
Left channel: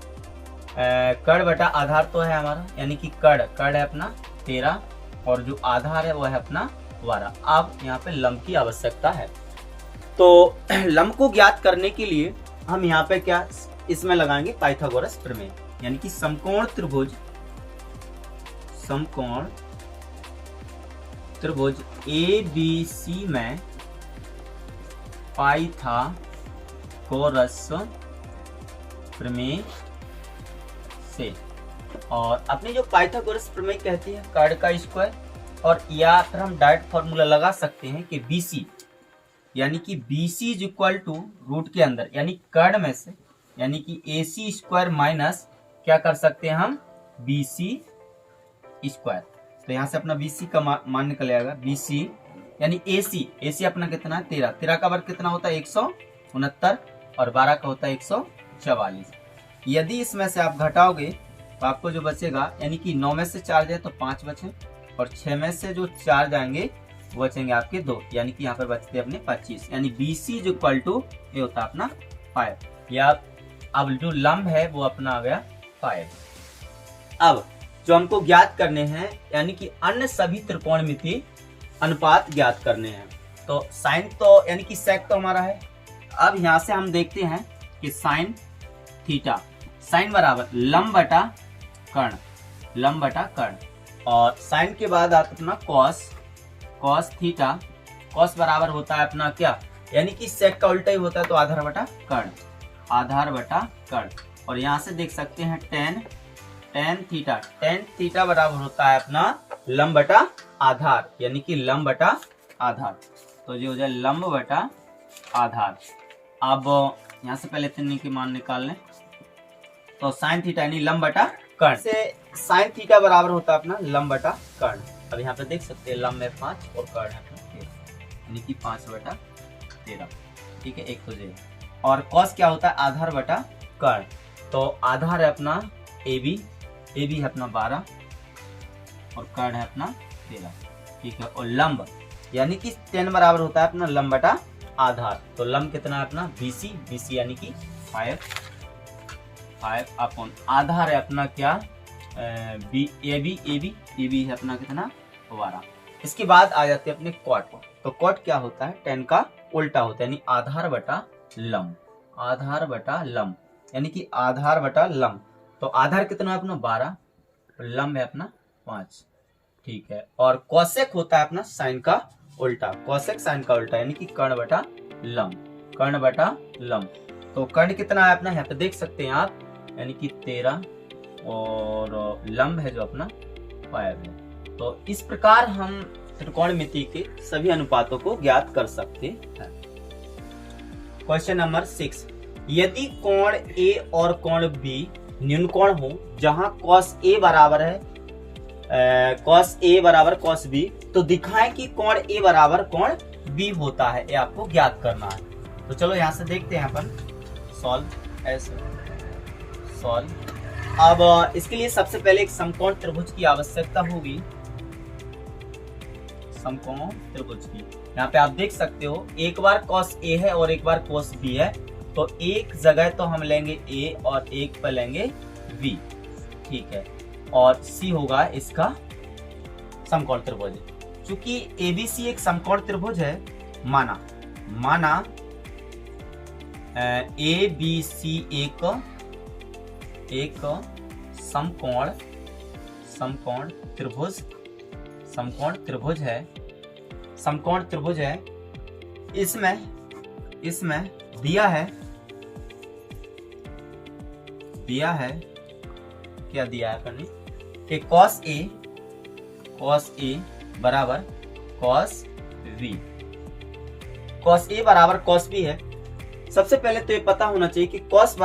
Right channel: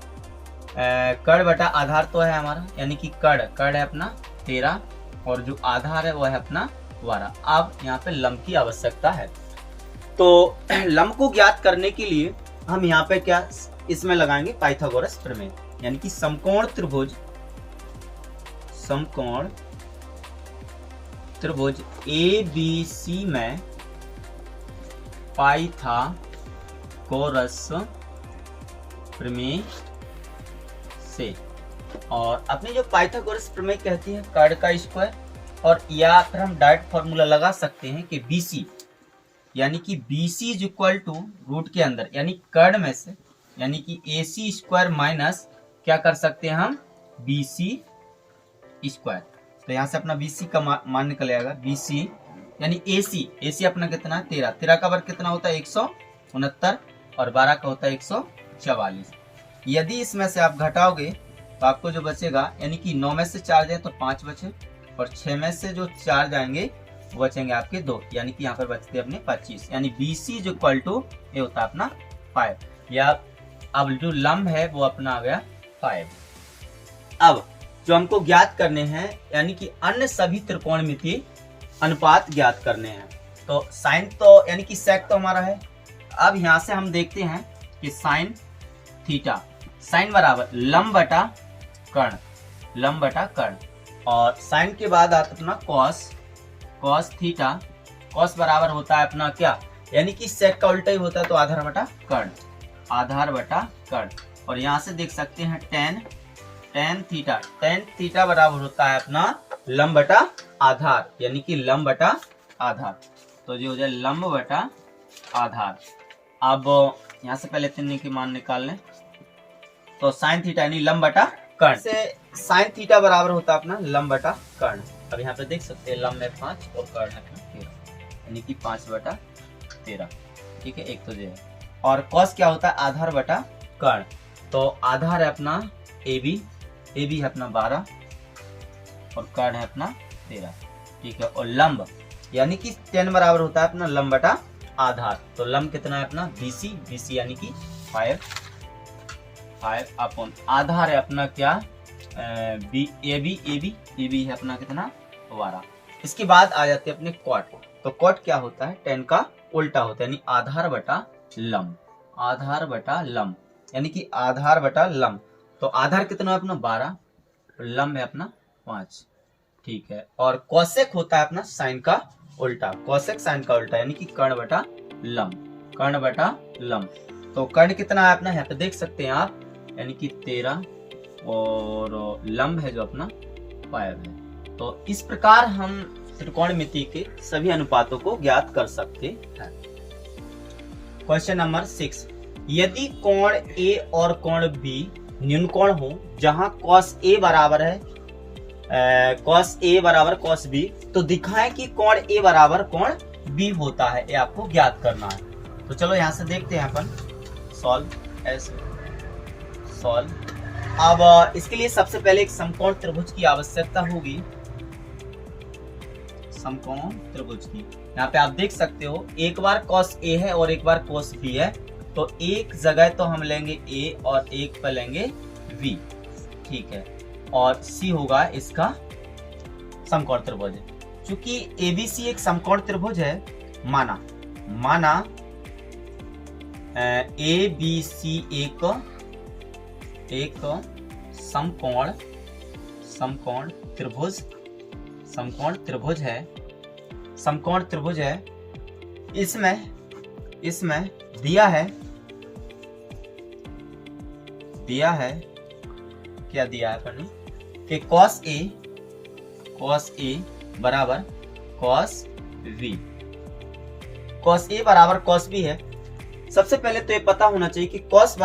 कर्ण बटा आधार तो है हमारा यानी कि कर्ण है अपना 13 और जो आधार है वो है अपना 12। अब यहाँ पे लंब की आवश्यकता है। तो लंब को ज्ञात करने के लिए हम यहाँ पे क्या इसमें लगाएंगे पाइथागोरस प्रमेय, यानी कि समकोण त्रिभुज ए बी सी में पाइथागोरस प्रमेय से। और अपनी जो पाइथागोरस प्रमेय कहती है कर्ण का स्क्वायर, और या फिर हम डायरेक्ट फॉर्मूला लगा सकते हैं कि BC यानी कि B C is equal to root के अंदर यानी कर्ण में से, यानी कि ए सी स्क्वायर माइनस क्या कर सकते हैं हम, बी सी स्क्वायर। तो यहाँ से अपना बी सी का मान निकल आएगा, बी सी यानी ए सी अपना कितना है 13, 13 का वर्ग कितना होता है 169 और 12 का होता है 144। यदि इसमें से आप घटाओगे तो आपको जो बचेगा, यानी कि 9 में से 4 जाए तो 5 बचे और 6 में से जो 4 जाएंगे वो बचेंगे आपके 2, यानी कि यहाँ पर बचते अपने 25, यानी B C is equal to ये होता है अपना 5, या अब जो लंब है वो अपना आ गया 5। अब जो हमको ज्ञात करने हैं यानी कि अन्य सभी त्रिकोणमितीय अनुपात ज्ञात करने हैं। तो साइन तो यानी कि सेक तो हमारा है। अब यहाँ से हम देखते हैं कि साइन थीटा, साइन बराबर लंब बटा कर्ण, लंब बटा कर्ण, और साइन के बाद आता अपना कॉस, कॉस थीटा, कॉस बराबर होता है अपना क्या, यानी कि सेक का उल्टा ही होता है तो आधार बटा कर्ण, आधार बटा कर्ण। और यहाँ से देख सकते हैं ten, tan theta, tan theta बराबर होता है अपना लंब बटा आधार, यानी कि लंब बटा आधार। तो ये हो जाए लंब बटा आधार। अब यहाँ से पहले तीन के मान निकाल लें, तो साइन थीटा यानी लंब बटा कर्ण से साइन थीटा बराबर होता है अपना लंब बटा कर्ण। अब यहाँ पे देख सकते हैं लंब है 5 और कर्ण है अपना 13, यानी कि 5/13। ठीक है, एक तो ये है। और कॉस क्या होता है, आधार बटा कर्ण। तो आधार है अपना ए बी है अपना 12 और कर्ण है अपना 13। ठीक है, और लंब यानी कि 10 बराबर होता है अपना लंब बटा आधार। तो लंब कितना है अपना BC यानी कि 5 अपॉन आधार है अपना क्या ए बी है अपना कितना 12। इसके बाद आ जाते हैं अपने कॉट। तो कॉट क्या होता है, 10 का उल्टा होता है, यानी आधार बटा लंब, आधार बटा लंब यानी कि आधार बटा लंब। तो आधार कितना है अपना 12, लंब है अपना 5। ठीक है, और कॉसेक होता है अपना साइन का उल्टा, कॉसेक साइन का उल्टा यानी कि कर्ण बटा लंब, कर्ण बटा लंब। तो कर्ण कितना है अपना यहाँ पे देख सकते हैं आप, यानी कि 13 और लंब है जो अपना 5 है। तो इस प्रकार हम त्रिकोणमिति के सभी अनुपातों को ज्ञात कर सकते हैं। क्वेश्चन नंबर 6, यदि कोण A और कोण B न्यून कोण हो जहां cos A बराबर है cos A बराबर cos B, तो दिखाएं कि कोण A बराबर कोण B होता है, ये आपको ज्ञात करना है। तो चलो यहां से देखते हैं अपन, सॉल्व ऐसे सॉल्व। अब इसके लिए सबसे पहले एक समकोण त्रिभुज की आवश्यकता होगी, समकोण त्रिभुज की। यहाँ पे आप देख सकते हो एक बार cos A है और एक बार cos B है, तो एक जगह तो हम लेंगे A और एक पर लेंगे V। ठीक है, और C होगा इसका समकोण त्रिभुज। चूंकि ABC एक समकोण त्रिभुज है, माना ABC एक समकोण त्रिभुज है। इसमें दिया है क्या दिया है अपन कि cos A बराबर cos V, cos A बराबर cos B है। सबसे पहले तो ये पता होना चाहिए कि cos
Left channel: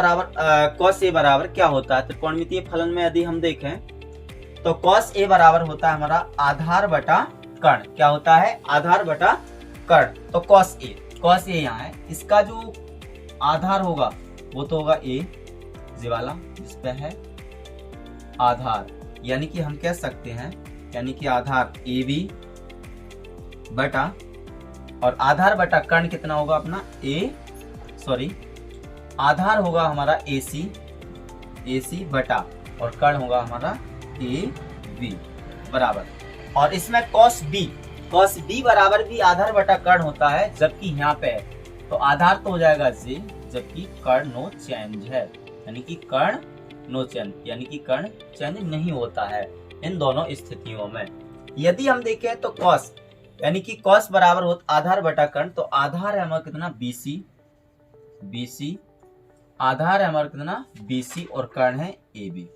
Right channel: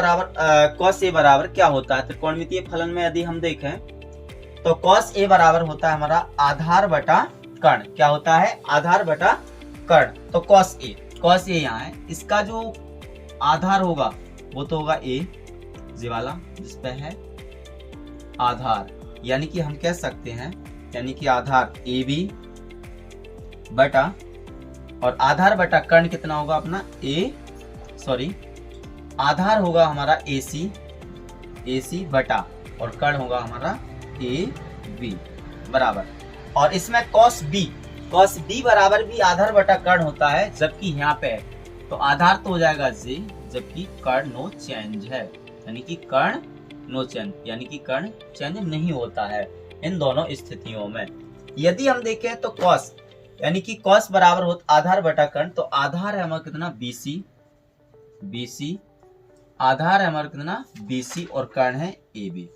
A बराबर क्या होता है। त्रिकोणमितीय फलन में यदि हम देखें तो cos A बराबर होता है हमारा आधार बटा कर्ण। क्या होता है, आधार बटा कर्ण। तो cos A यहाँ है, इसका जो आधार होगा वो तो होगा A जी वाला, जिसपे है आधार, यानी कि हम कह सकते हैं यानी कि आधार AB बटा और आधार बटा कर्ण कितना होगा अपना आधार होगा हमारा AC बटा और कर्ण होगा हमारा AB बराबर। और इसमें cos B बराबर भी आधार बटा कर्ण होता है, जबकि यहाँ पे है तो आधार तो हो जाएगा J, जबकि कर्ण नो चेंज है, यानी कि कर्ण नो चेंज, यानी कि कर्ण चेंज नहीं होता है इन दोनों स्थितियों में। यदि हम देखें तो cos यानी कि cos बराबर होता आधार बटा कर्ण, तो आधार है हमारा कितना BC, आधार है हमारा कितना BC और कर्ण है AB।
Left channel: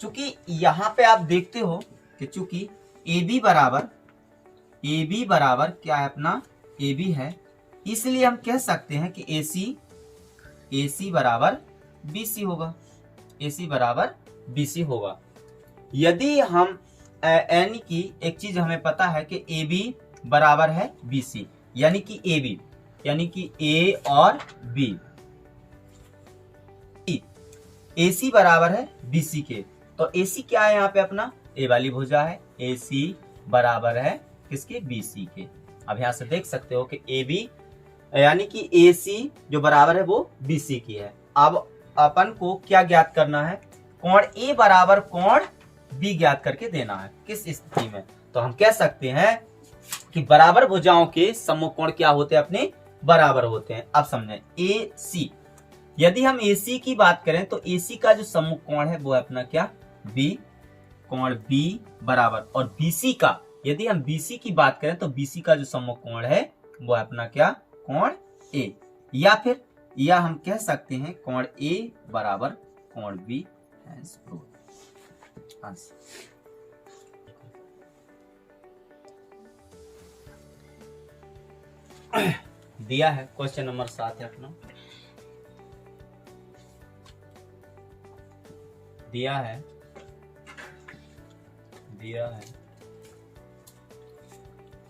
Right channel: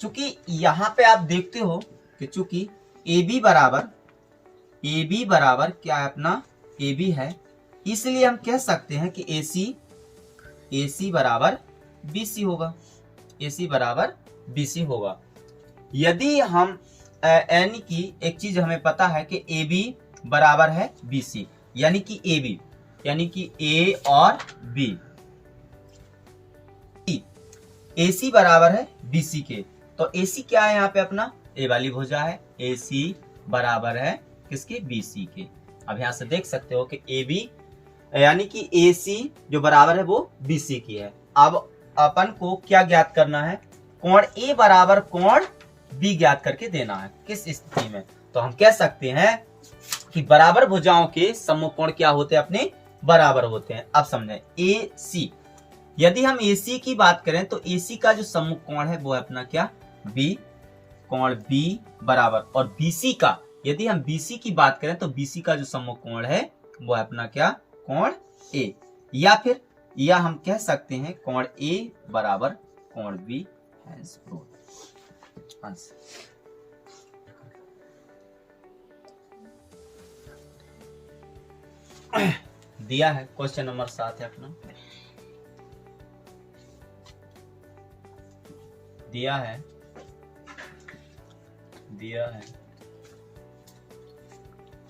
चूंकि यहाँ पे आप देखते हो कि चूंकि AB बराबर क्या है अपना ए बी है, इसलिए हम कह सकते हैं कि ए सी बराबर बी सी होगा, ए सी बराबर बी सी होगा। यदि हम यानी कि एक चीज हमें पता है कि ए बी बराबर है बी सी, यानी कि ए बी यानी कि ए और बी, ए सी बराबर है बी सी के, तो ए सी क्या है यहाँ पे अपना ए वाली भुजा है, ए सी बराबर है किसके बी सी के। अब यहाँ से देख सकते हो कि ए बी यानी कि ए सी जो बराबर है वो बी सी की है। अब अपन को क्या ज्ञात करना है, कोण ए बराबर कोण बी ज्ञात करके देना है। किस स्थिति में, तो हम कह सकते हैं कि बराबर भुजाओं के सम्मुख कोण क्या होते हैं, अपने बराबर होते हैं। अब समझें ए सी, यदि हम ए सी की बात करें तो ए सी का जो सम्मुख कोण है वो है अपना क्या बी, कोण बी बराबर, और बी सी का यदि हम बी सी की बात करें तो बी सी का जो सम्मुख कोण है वो है अपना क्या कोण ए, या हम कह सकते हैं कोण ए बराबर कोण बी। दिया है क्वेश्चन नंबर 7 है अपना, दिया है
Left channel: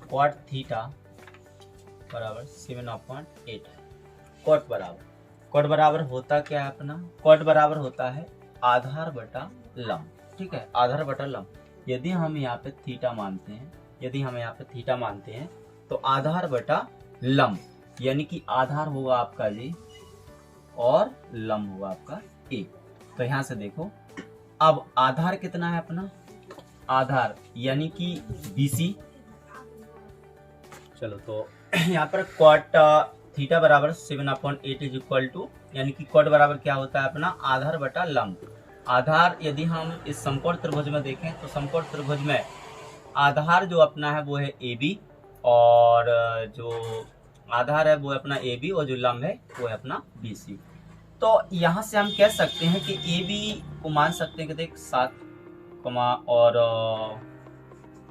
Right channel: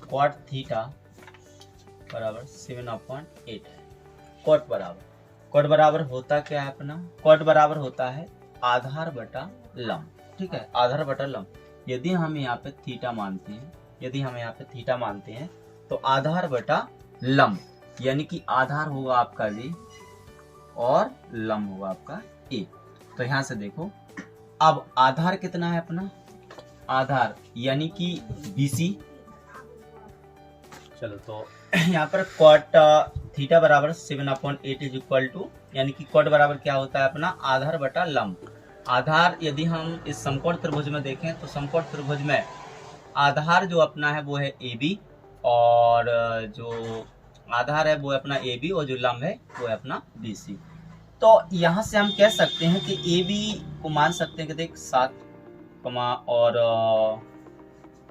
cot थीटा बराबर 7/8 है। कॉट बराबर होता क्या है अपना, कॉट बराबर होता है आधार बटा लंब, ठीक है, आधार बटा लंब। यदि हम यहाँ पे थीटा मानते हैं, तो आधार बटा लंब यानी कि आधार होगा आपका जी और लंब होगा आपका ए। तो यहाँ से देखो, अब आधार कितना है अपना, आधार यानी कि BC। चलो तो यहाँ पर कॉट थीटा बराबर 7/8 इज इक्वल टू, यानी कि कॉट बराबर क्या होता है अपना आधार बटा लंब। आधार यदि हम इस समकोण त्रिभुज में देखें तो समकोण त्रिभुज में आधार जो अपना है वो है AB, और जो आधार है वो है अपना AB, और जो लंब है वो है अपना BC। तो यहाँ से हम कह सकते हैं कि AB को मान सकते हैं कि देख 7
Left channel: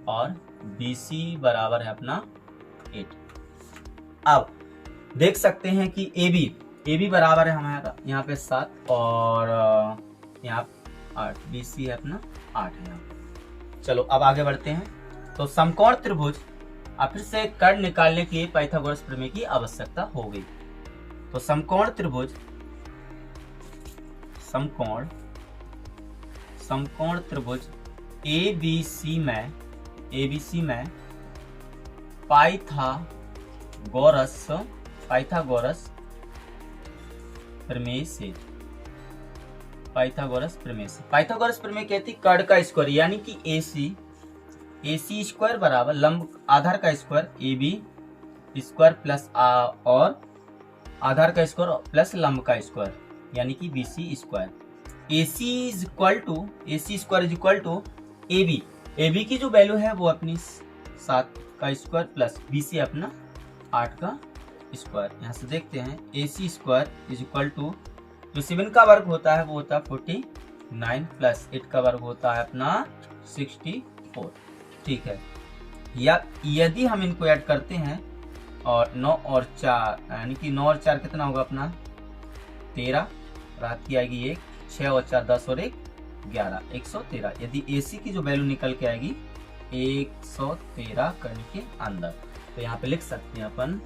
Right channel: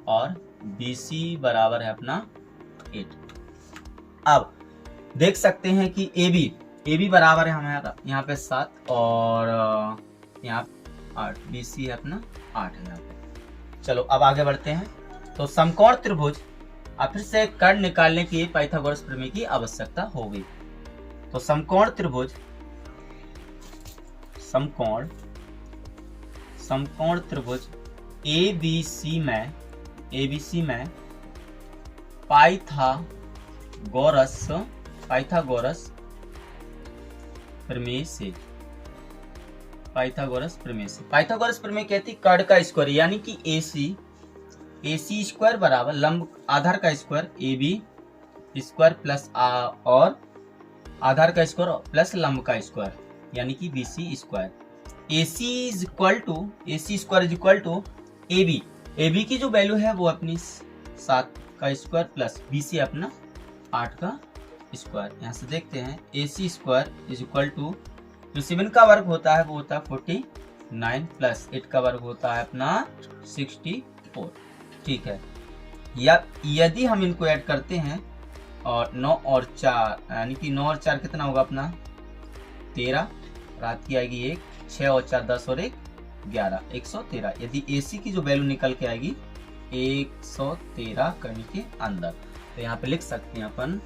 और BC बराबर है अपना 8। अब देख सकते हैं कि AB बराबर है हमारा यहाँ पे 7 और यहाँ 8, BC है अपना 8 है यहाँ पे। चलो अब आगे बढ़ते हैं। तो समकोण त्रिभुज फिर से कर्ण निकालने के लिए पाइथागोरस प्रमेय की आवश्यकता होगी। तो समकोण त्रिभुज ABC में पाइथागोरस प्रमेय से पाइथागोरस प्रमेय कहती कर्ण का स्क्वायर यानी कि AC स्क्वायर बराबर लंब आधार का स्क्वायर AB स्क्वायर प्लस और आधार का स्क्वायर प्लस लंब का स्क्वायर यानी कि BC square. AC square is equal to AB की जो वैल्यू है वो अपनी 7 का स्क्वायर प्लस BC अपना 8 का स्क्वायर। यहाँ से देखते हैं AC square is equal to जो 7 का वर्ग होता है वो होता है 49 प्लस 8 का वर्ग होता है अपना 64, ठीक है। या यदि हम इनको ऐड करते हैं और 9 और 4 यानी कि 9 और 4 कितना होगा अपना 13, रात की आएगी 1, 6 और 4 10 और 1 11, 113। यदि AC की जो वैल्यू निकल के आएगी 113 कर्ण के अंदर, तो यहाँ पे लिख सकते हैं अपन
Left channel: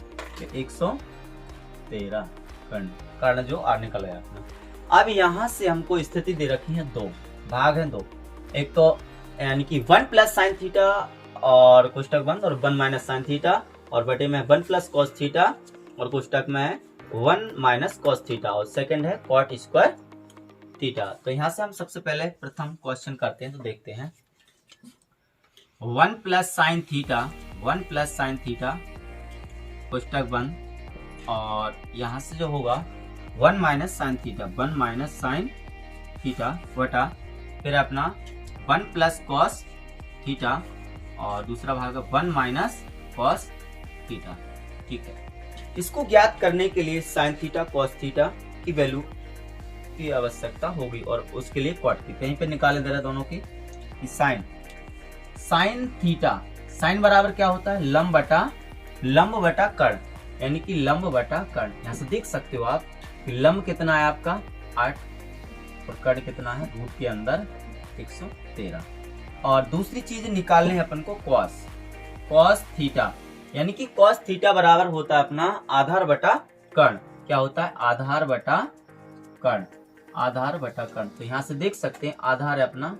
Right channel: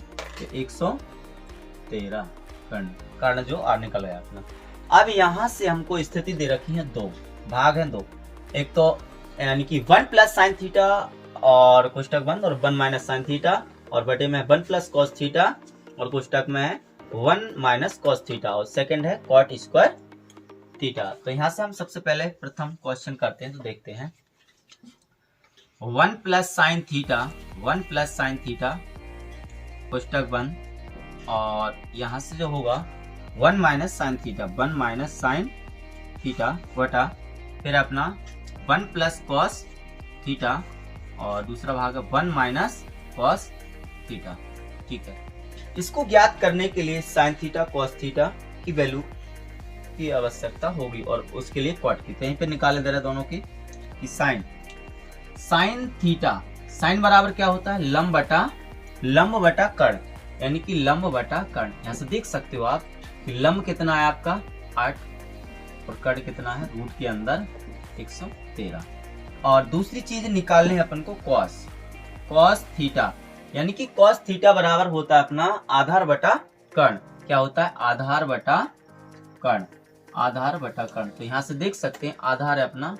113 कर्ण जो निकल गया अपना। अब यहाँ से हमको स्थिति दे रखी है, 2 भाग हैं 2, एक तो यानी कि 1 प्लस साइन थीटा और कोष्टक बंद, और 1 माइनस साइन थीटा, और बटे में 1 प्लस कॉस थीटा और कोष्टक में है 1 माइनस कॉस थीटा, और सेकंड है कॉट स्क्वायर थीटा। तो यहाँ से हम सबसे पहले प्रथम क्वेश्चन करते हैं, तो देखते हैं 1 प्लस साइन थीटा कोष्टक बंद, और यहाँ से जो होगा 1 माइनस साइन थीटा बटा फिर अपना 1 प्लस कॉस थीटा, और दूसरा भाग 1 माइनस कॉस थीटा, ठीक है। इसको ज्ञात करने के लिए साइन थीटा कॉस थीटा की वैल्यू की आवश्यकता होगी, और उसके लिए कॉट की कहीं पे निकाले दे रहे दोनों की साइन थीटा, साइन बराबर क्या होता है लंब बटा लंब बटा कर्ण, यानी कि लंब बटा कर्ण। यहाँ से देख सकते हो आप कि लंब कितना है आपका 8 और कर्ण कितना है रूट के अंदर 113। और दूसरी चीज निकालनी है अपन को कॉस थीटा, यानी कि कॉस थीटा बराबर होता है अपना आधार बटा कर्ण। क्या होता है? आधार बटा कर्ण, आधार बटा कर्ण। तो यहाँ से देख सकते हैं आधार है अपना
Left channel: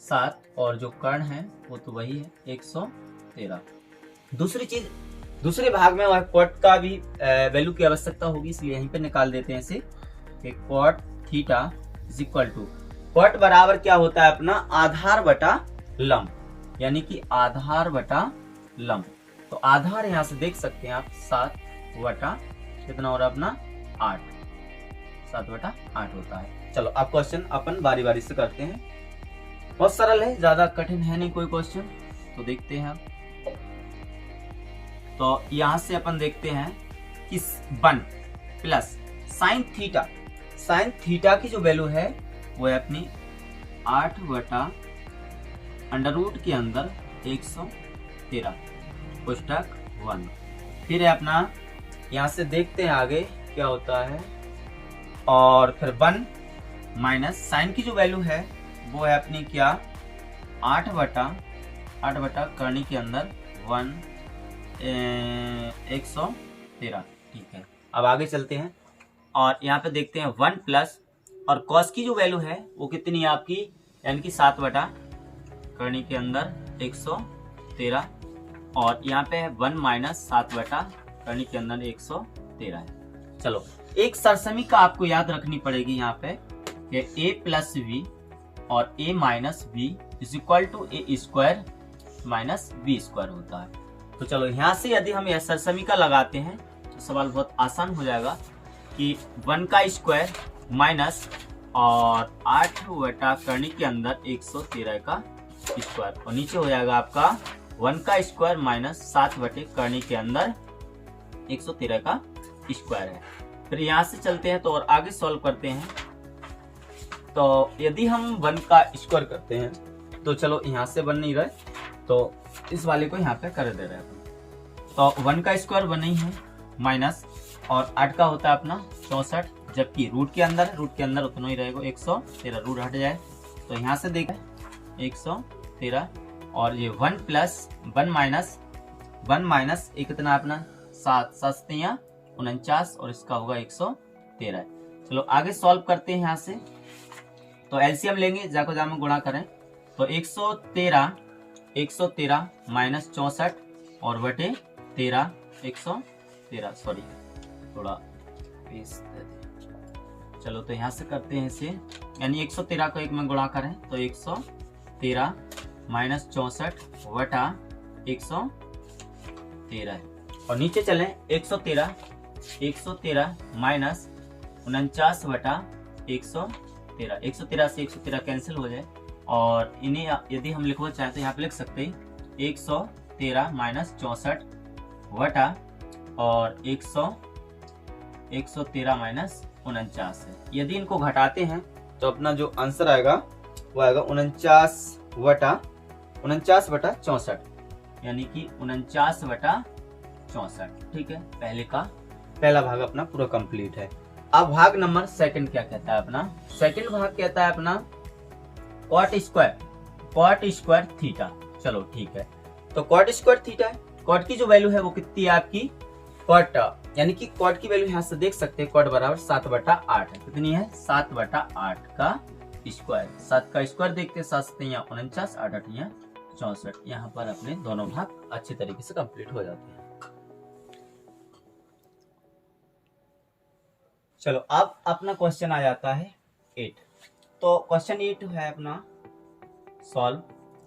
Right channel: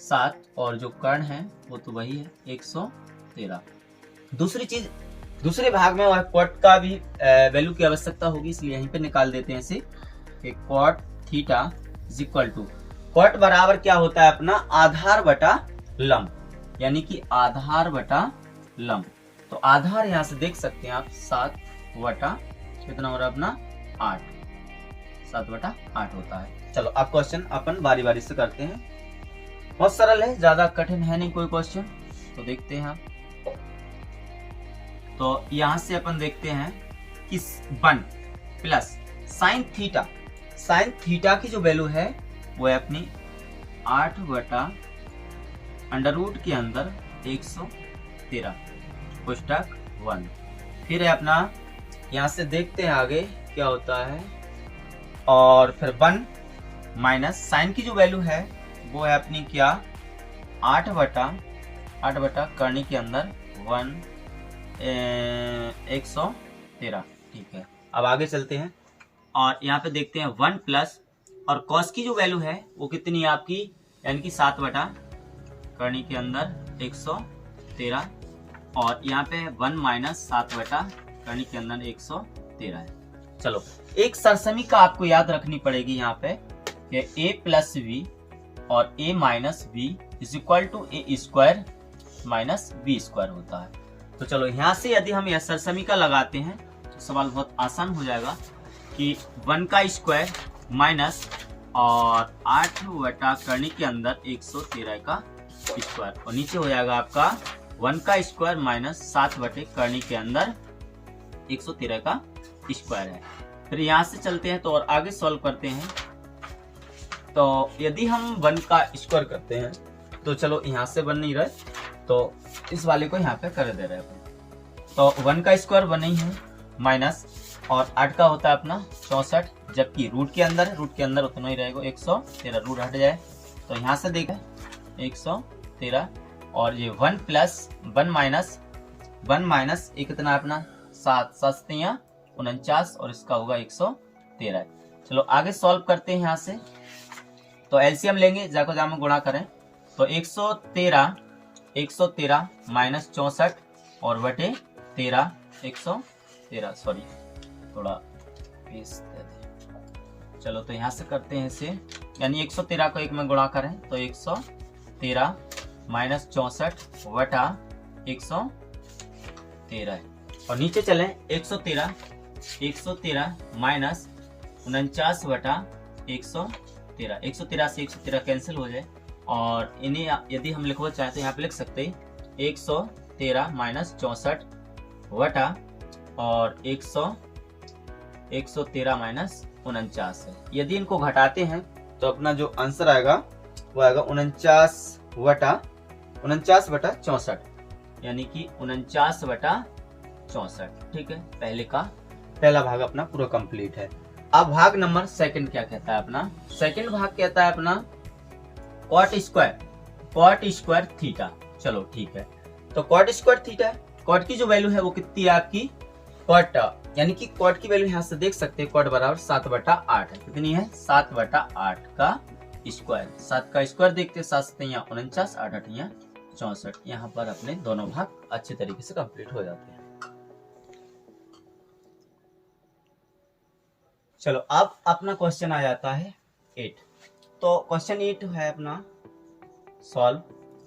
7 और जो कर्ण है वो तो वही है 113। दूसरी चीज, दूसरे भाग में वह कॉट का भी वैल्यू की आवश्यकता होगी, इसलिए यहीं पे निकाल देते हैं इसे कि cot theta is equal to, cot बराबर क्या होता है अपना आधार बटा लंब, यानी कि आधार बटा लंब। तो आधार यहाँ से देख सकते हैं आप 7 बटा कितना हो रहा है अपना 8, 7 बटा 8 होता है। चलो अब क्वेश्चन अपन बारी बारी से करते हैं। बहुत सरल है, ज्यादा कठिन है नहीं कोई क्वेश्चन। तो देखते हैं आप, तो यहां से अपन देखते हैं कि 1 प्लस साइन थीटा की जो वैल्यू है वो है अपनी 8 बटा अंडर रूट के अंदर 113 पुस्तक 1। फिर है अपना, यहां से देखते हैं आगे क्या होता है, और फिर 1 माइनस साइन की जो वैल्यू है वो है अपनी क्या 8 बटा कर्ण के अंदर 113। ठीक है, अब आगे चलते हैं और यहाँ पे देखते हैं 1 प्लस और कॉस की जो वैल्यू है वो कितनी है आपकी, यानी कि 7 बटा कर्ण के अंदर 113, और यहाँ पे 1 माइनस 7 बटा कर्ण के अंदर 113 है। चलो एक सरसमी का आपको याद रखनी पड़ेगी यहाँ पे कि a प्लस बी और a minus B is equal to A square minus B square होता है। तो चलो यहाँ से यदि हम यह सरसमी का लगाते हैं तो सवाल बहुत आसान हो जाएगा कि 1 का स्क्वायर माइनस और 8 बटा कर्ण के अंदर 113 का स्क्वायर, और नीचे हो जाएगा आपका 1 का स्क्वायर माइनस 7 बटे कर्ण के अंदर 113 का स्क्वायर है। फिर यहाँ से चलते हैं तो और आगे सॉल्व करते हैं। तो यदि हम 1 का स्क्वायर करते हैं तो चलो यहाँ से बन नहीं रहे तो इस वाले को यहाँ पे कर दे रहे हैं। तो 1 का स्क्वायर बना ही है माइनस और 8 का होता है अपना 64, जबकि रूट के अंदर उतना ही रहेगा 113, रूट हट जाए तो यहाँ से देखें 113, और ये 1 प्लस 1 माइनस ये कितना अपना 7 49 और इसका होगा 113। चलो आगे सॉल्व करते हैं यहाँ से। तो एलसीएम लेंगे, जाको जाम में गुणा करें तो 113 माइनस 64 और बटे 13 113, सॉरी थोड़ा इस, चलो तो यहाँ से करते हैं इसे, यानी 113 को 1 में गुणा करें तो 113 माइनस 64 बटा 113 है, और नीचे चलें 113 माइनस 49 बटा 113 से 113 कैंसिल हो जाए, और इन्हें यदि हम लिखना चाहें तो यहाँ पे लिख सकते हैं 113 माइनस 64 बटा और 113 माइनस 49 है। यदि इनको घटाते हैं तो अपना जो आंसर आएगा वो आएगा 49 बटा 64, यानी कि 49 बटा 64। ठीक है, पहला भाग अपना पूरा कंप्लीट है। अब भाग नंबर सेकंड क्या कहता है अपना, सेकंड भाग कहता है अपना कॉट स्क्वायर थीटा। चलो ठीक है, तो कॉट स्क्वायर थीटा, कॉट की जो वैल्यू है वो कितनी है आपकी कॉट, यानी कि कॉट की वैल्यू यहाँ से देख सकते हैं, कॉट बराबर 7 बटा 8 है। कितनी है 7 बटा 8 का स्क्वायर, 7 का स्क्वायर देखते हैं 7 7 49 8 8 64। यहाँ पर अपने दोनों भाग अच्छे तरीके से कंप्लीट हो जाते हैं। चलो अब अपना क्वेश्चन आ जाता है 8। तो क्वेश्चन 8 है अपना सॉल्व,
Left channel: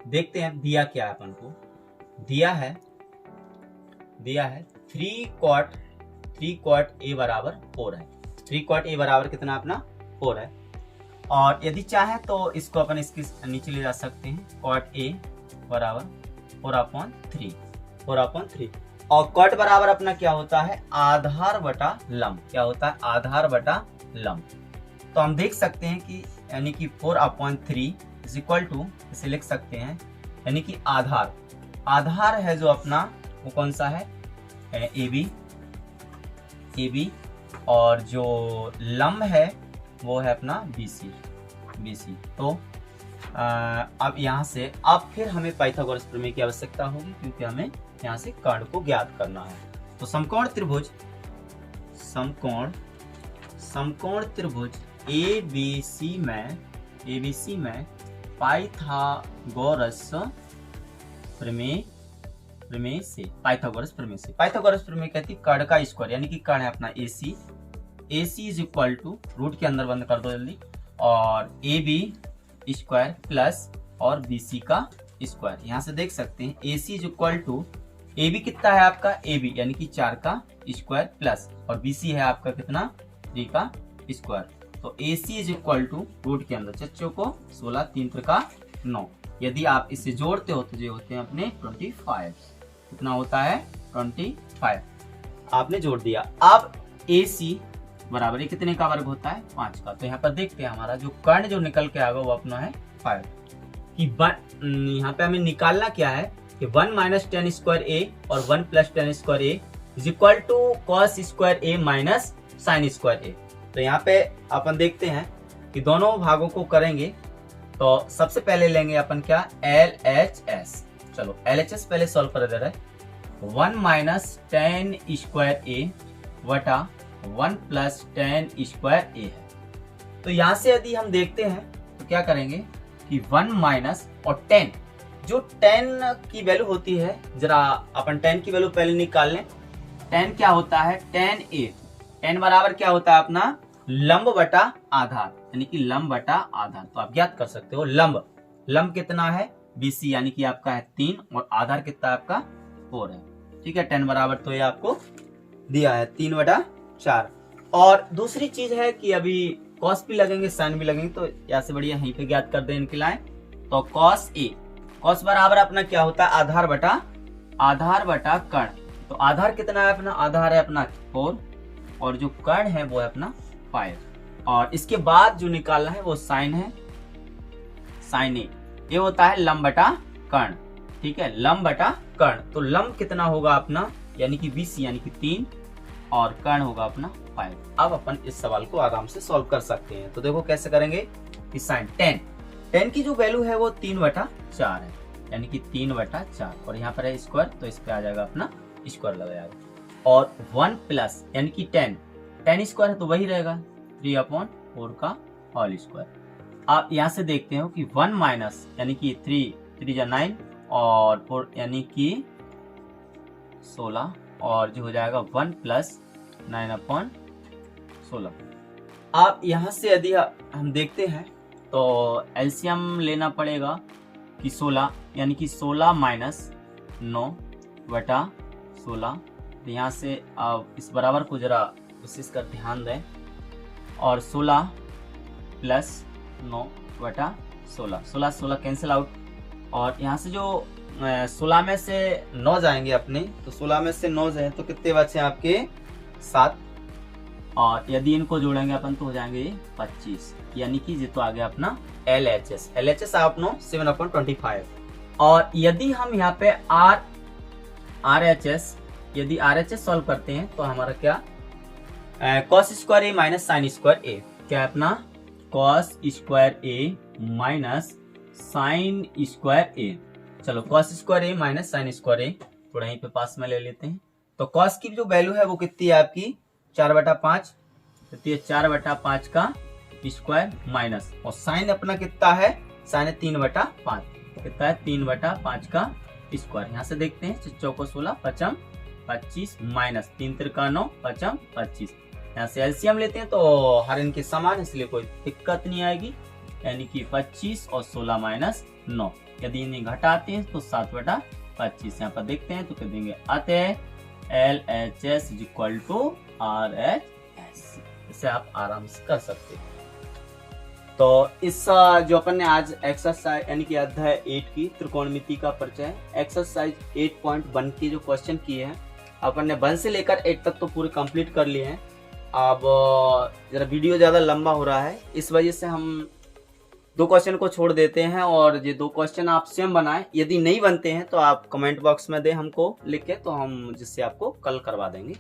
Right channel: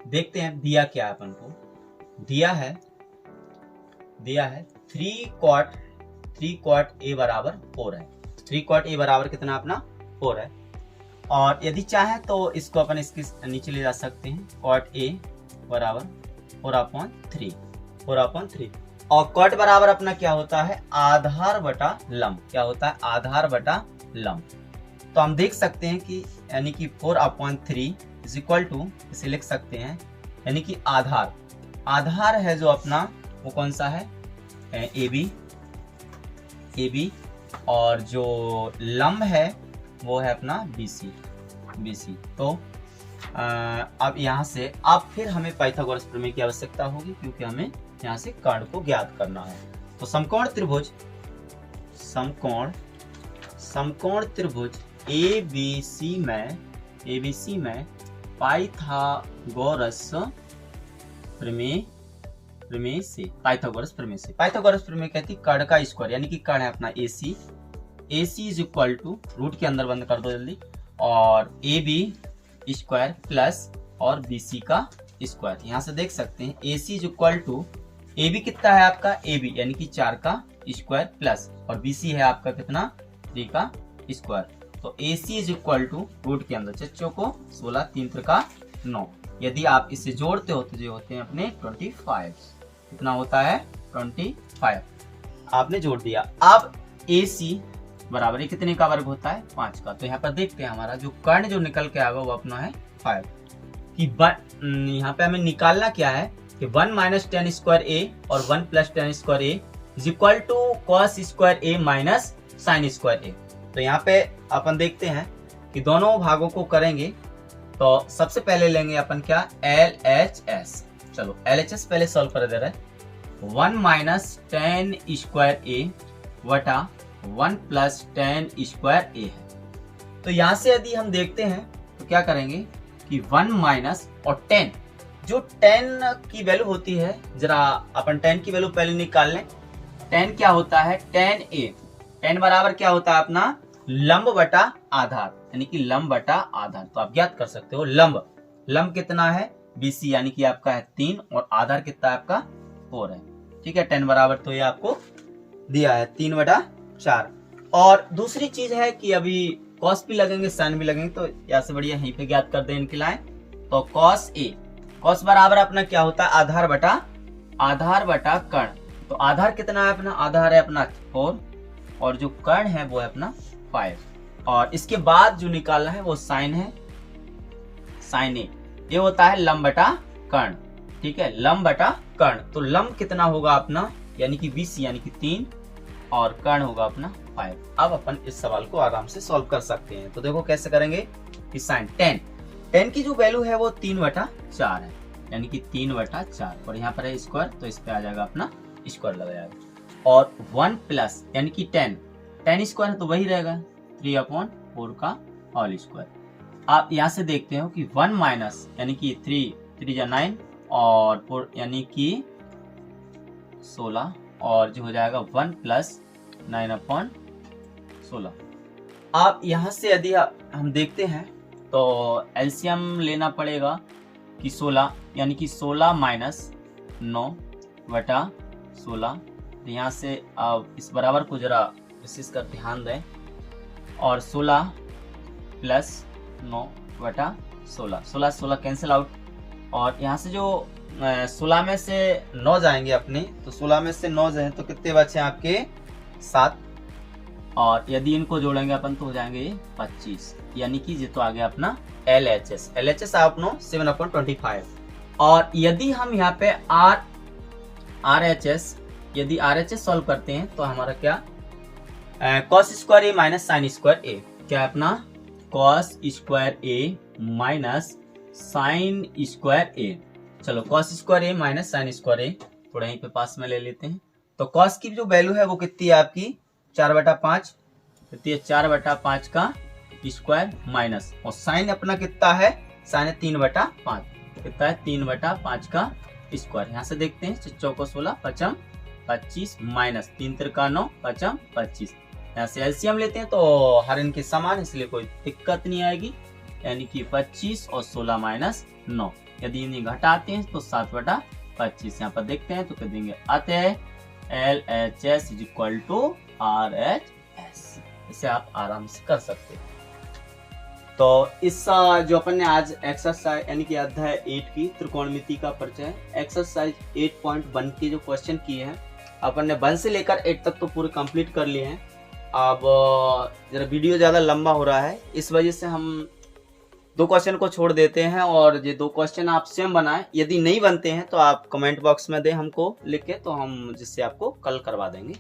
देखते हैं दिया क्या है अपन को। दिया है 3 कॉट ए बराबर 4 है। 3 कॉट ए बराबर कितना अपना 4 है, और यदि चाहे तो इसको अपन इसके नीचे ले जा सकते हैं, कॉट ए बराबर 4/3, और कॉट बराबर अपना क्या होता है आधार बटा लंब। क्या होता है आधार बटा लंब। तो हम देख सकते हैं कि यानी कि 4/3 इज इक्वल टू, इसे लिख सकते हैं यानी कि आधार है जो अपना वो कौन सा है ए बी और जो लंब है वो है अपना बी सी। तो अब यहाँ से अब फिर हमें पाइथागोरस प्रमेय की आवश्यकता होगी, क्योंकि हमें यहाँ से कर्ण को ज्ञात करना है। तो समकोण त्रिभुज ABC में पाइथागोरस प्रमेय से पाइथागोरस प्रमेय कहती है कर्ण का स्क्वायर, यानी कि कर्ण है अपना AC is equal to root के अंदर बंद कर दो जल्दी, और AB स्क्वायर प्लस और BC का स्क्वायर। यहाँ से देख सकते हैं AC is equal to AB कितना है आपका AB यानी कि 4 का स्क्वायर प्लस और BC है आपका कितना 3 का स्क्वायर। तो AC is equal to root के अंदर चच्चों को 16 3 का 9। यदि आप इसे जोड़ते हो तो ये होते हैं अपने 25। कितना होता है 25। आपने जोड़ दिया। अब AC बराबर कितने का वर्ग होता है 5 का। तो यहाँ पर देखते हैं हमारा जो कर्ण जो निकल के आएगा वो अपना है 5 कि यहाँ पे हमें निकालना क्या है कि 1 माइनस टेन स्क्वायर ए और 1 plus tan square A is equal to cos square A minus sine square A. तो यहाँ पे अपन देखते हैं कि दोनों भागों को करेंगे। तो सबसे पहले लेंगे अपन क्या LHS। चलो LHS पहले सॉल्व कर दे रहे हैं। 1 माइनस टेन स्क्वायर ए वटा 1 प्लस टेन स्क्वायर ए है। तो यहाँ से यदि हम देखते हैं तो क्या करेंगे कि 1 माइनस और 10, जो 10 की वैल्यू होती है, जरा अपन 10 की वैल्यू पहले निकाल लें। 10 क्या होता है 10a। 10 बराबर क्या होता है अपना लंब बटा आधार, यानी कि लंब बटा आधार। तो आप ज्ञात कर सकते हो लंब कितना है BC यानी कि आपका है 3 और आधार कितना है आपका 4 है। ठीक है 10 बराबर तो ये आपको दिया है 3/4। और दूसरी चीज है कि अभी कॉस भी लगेंगे साइन भी लगेंगे, तो यहाँ से बढ़िया यहीं पे ज्ञात कर दें इनकी लाइन। तो कॉस बराबर अपना क्या होता है आधार बटा कर्ण। तो आधार कितना है अपना आधार है अपना 4 और जो कर्ण है वो है अपना 5। और इसके बाद जो निकालना है वो साइन है साइन ए। ये होता है लंब बटा कर्ण। ठीक है लंब बटा कर्ण। तो लंब कितना होगा अपना यानी कि BC यानी कि 3 और कर्ण होगा अपना 5। अब अपन इस सवाल को आराम से सॉल्व कर सकते हैं। तो देखो कैसे करेंगे कि साइन 10 की जो वैल्यू है वो 3/4 है, यानी कि 3/4 और यहाँ पर है स्क्वायर तो इस पे आ जाएगा अपना स्क्वायर लग जाएगा। और 1 प्लस यानी कि 10 स्क्वायर है तो वही रहेगा 3/4 का होल स्क्वायर। आप यहाँ से देखते हो कि 1 माइनस यानी कि 3 जा 9 और 4 यानी कि 16 और जो हो जाएगा 1 प्लस 9/16। आप यहाँ से यदि हम देखते हैं तो एलसीएम लेना पड़ेगा कि 16 यानी कि 16 माइनस 9/16। तो यहाँ से आप इस बराबर को जरा विशेष कर ध्यान दें और 16 प्लस 9/16 16 कैंसिल आउट। और यहाँ से जो 16 में से 9 जाएंगे अपने, तो 16 में से 9 जाए तो कितने बचे आपके 7। और यदि इनको जोड़ेंगे अपन तो हो जाएंगे 25, यानी कि ये तो आ गया अपना LHS आप नो 7/25। और यदि हम यहाँ पे RHS सॉल्व करते हैं तो हमारा क्या cos square A minus sine square ए। क्या अपना cos square A minus sine square ए। चलो cos square A minus sine square ए थोड़ा यहीं पे पास में ले लेते हैं। तो cos की जो वैल्यू है वो कितनी है आपकी 4/5, कितनी है 4/5 का स्क्वायर माइनस और साइन अपना कितना है साइन है 3/5, कितना है 3/5 का स्क्वायर। यहाँ से देखते हैं चौको 16 5 25 माइनस 3 का 9 5 25। यहाँ से एलसीएम लेते हैं तो हर इनके समान इसलिए कोई दिक्कत नहीं आएगी, यानी कि 25 और 16 माइनस 9। यदि इन्हें घटाते हैं तो 7/25। यहाँ पर देखते हैं तो कर देंगे अतः LHS is equal to RHS। इसे आप आराम से कर सकते हैं। तो इस जो अपन ने आज एक्सरसाइज यानी कि अध्याय 8 की त्रिकोणमिति का परिचय एक्सरसाइज 8.1 के जो क्वेश्चन किए हैं अपन ने 1 से लेकर 8 तक तो पूरे कंप्लीट कर लिए हैं। अब जरा वीडियो ज़्यादा लंबा हो रहा है, इस वजह से हम दो क्वेश्चन को छोड़ देते हैं और ये दो क्वेश्चन आप सेम बनाएं। यदि नहीं बनते हैं तो आप कमेंट बॉक्स में दें हमको लिख के, तो हम जिससे आपको कल करवा देंगे।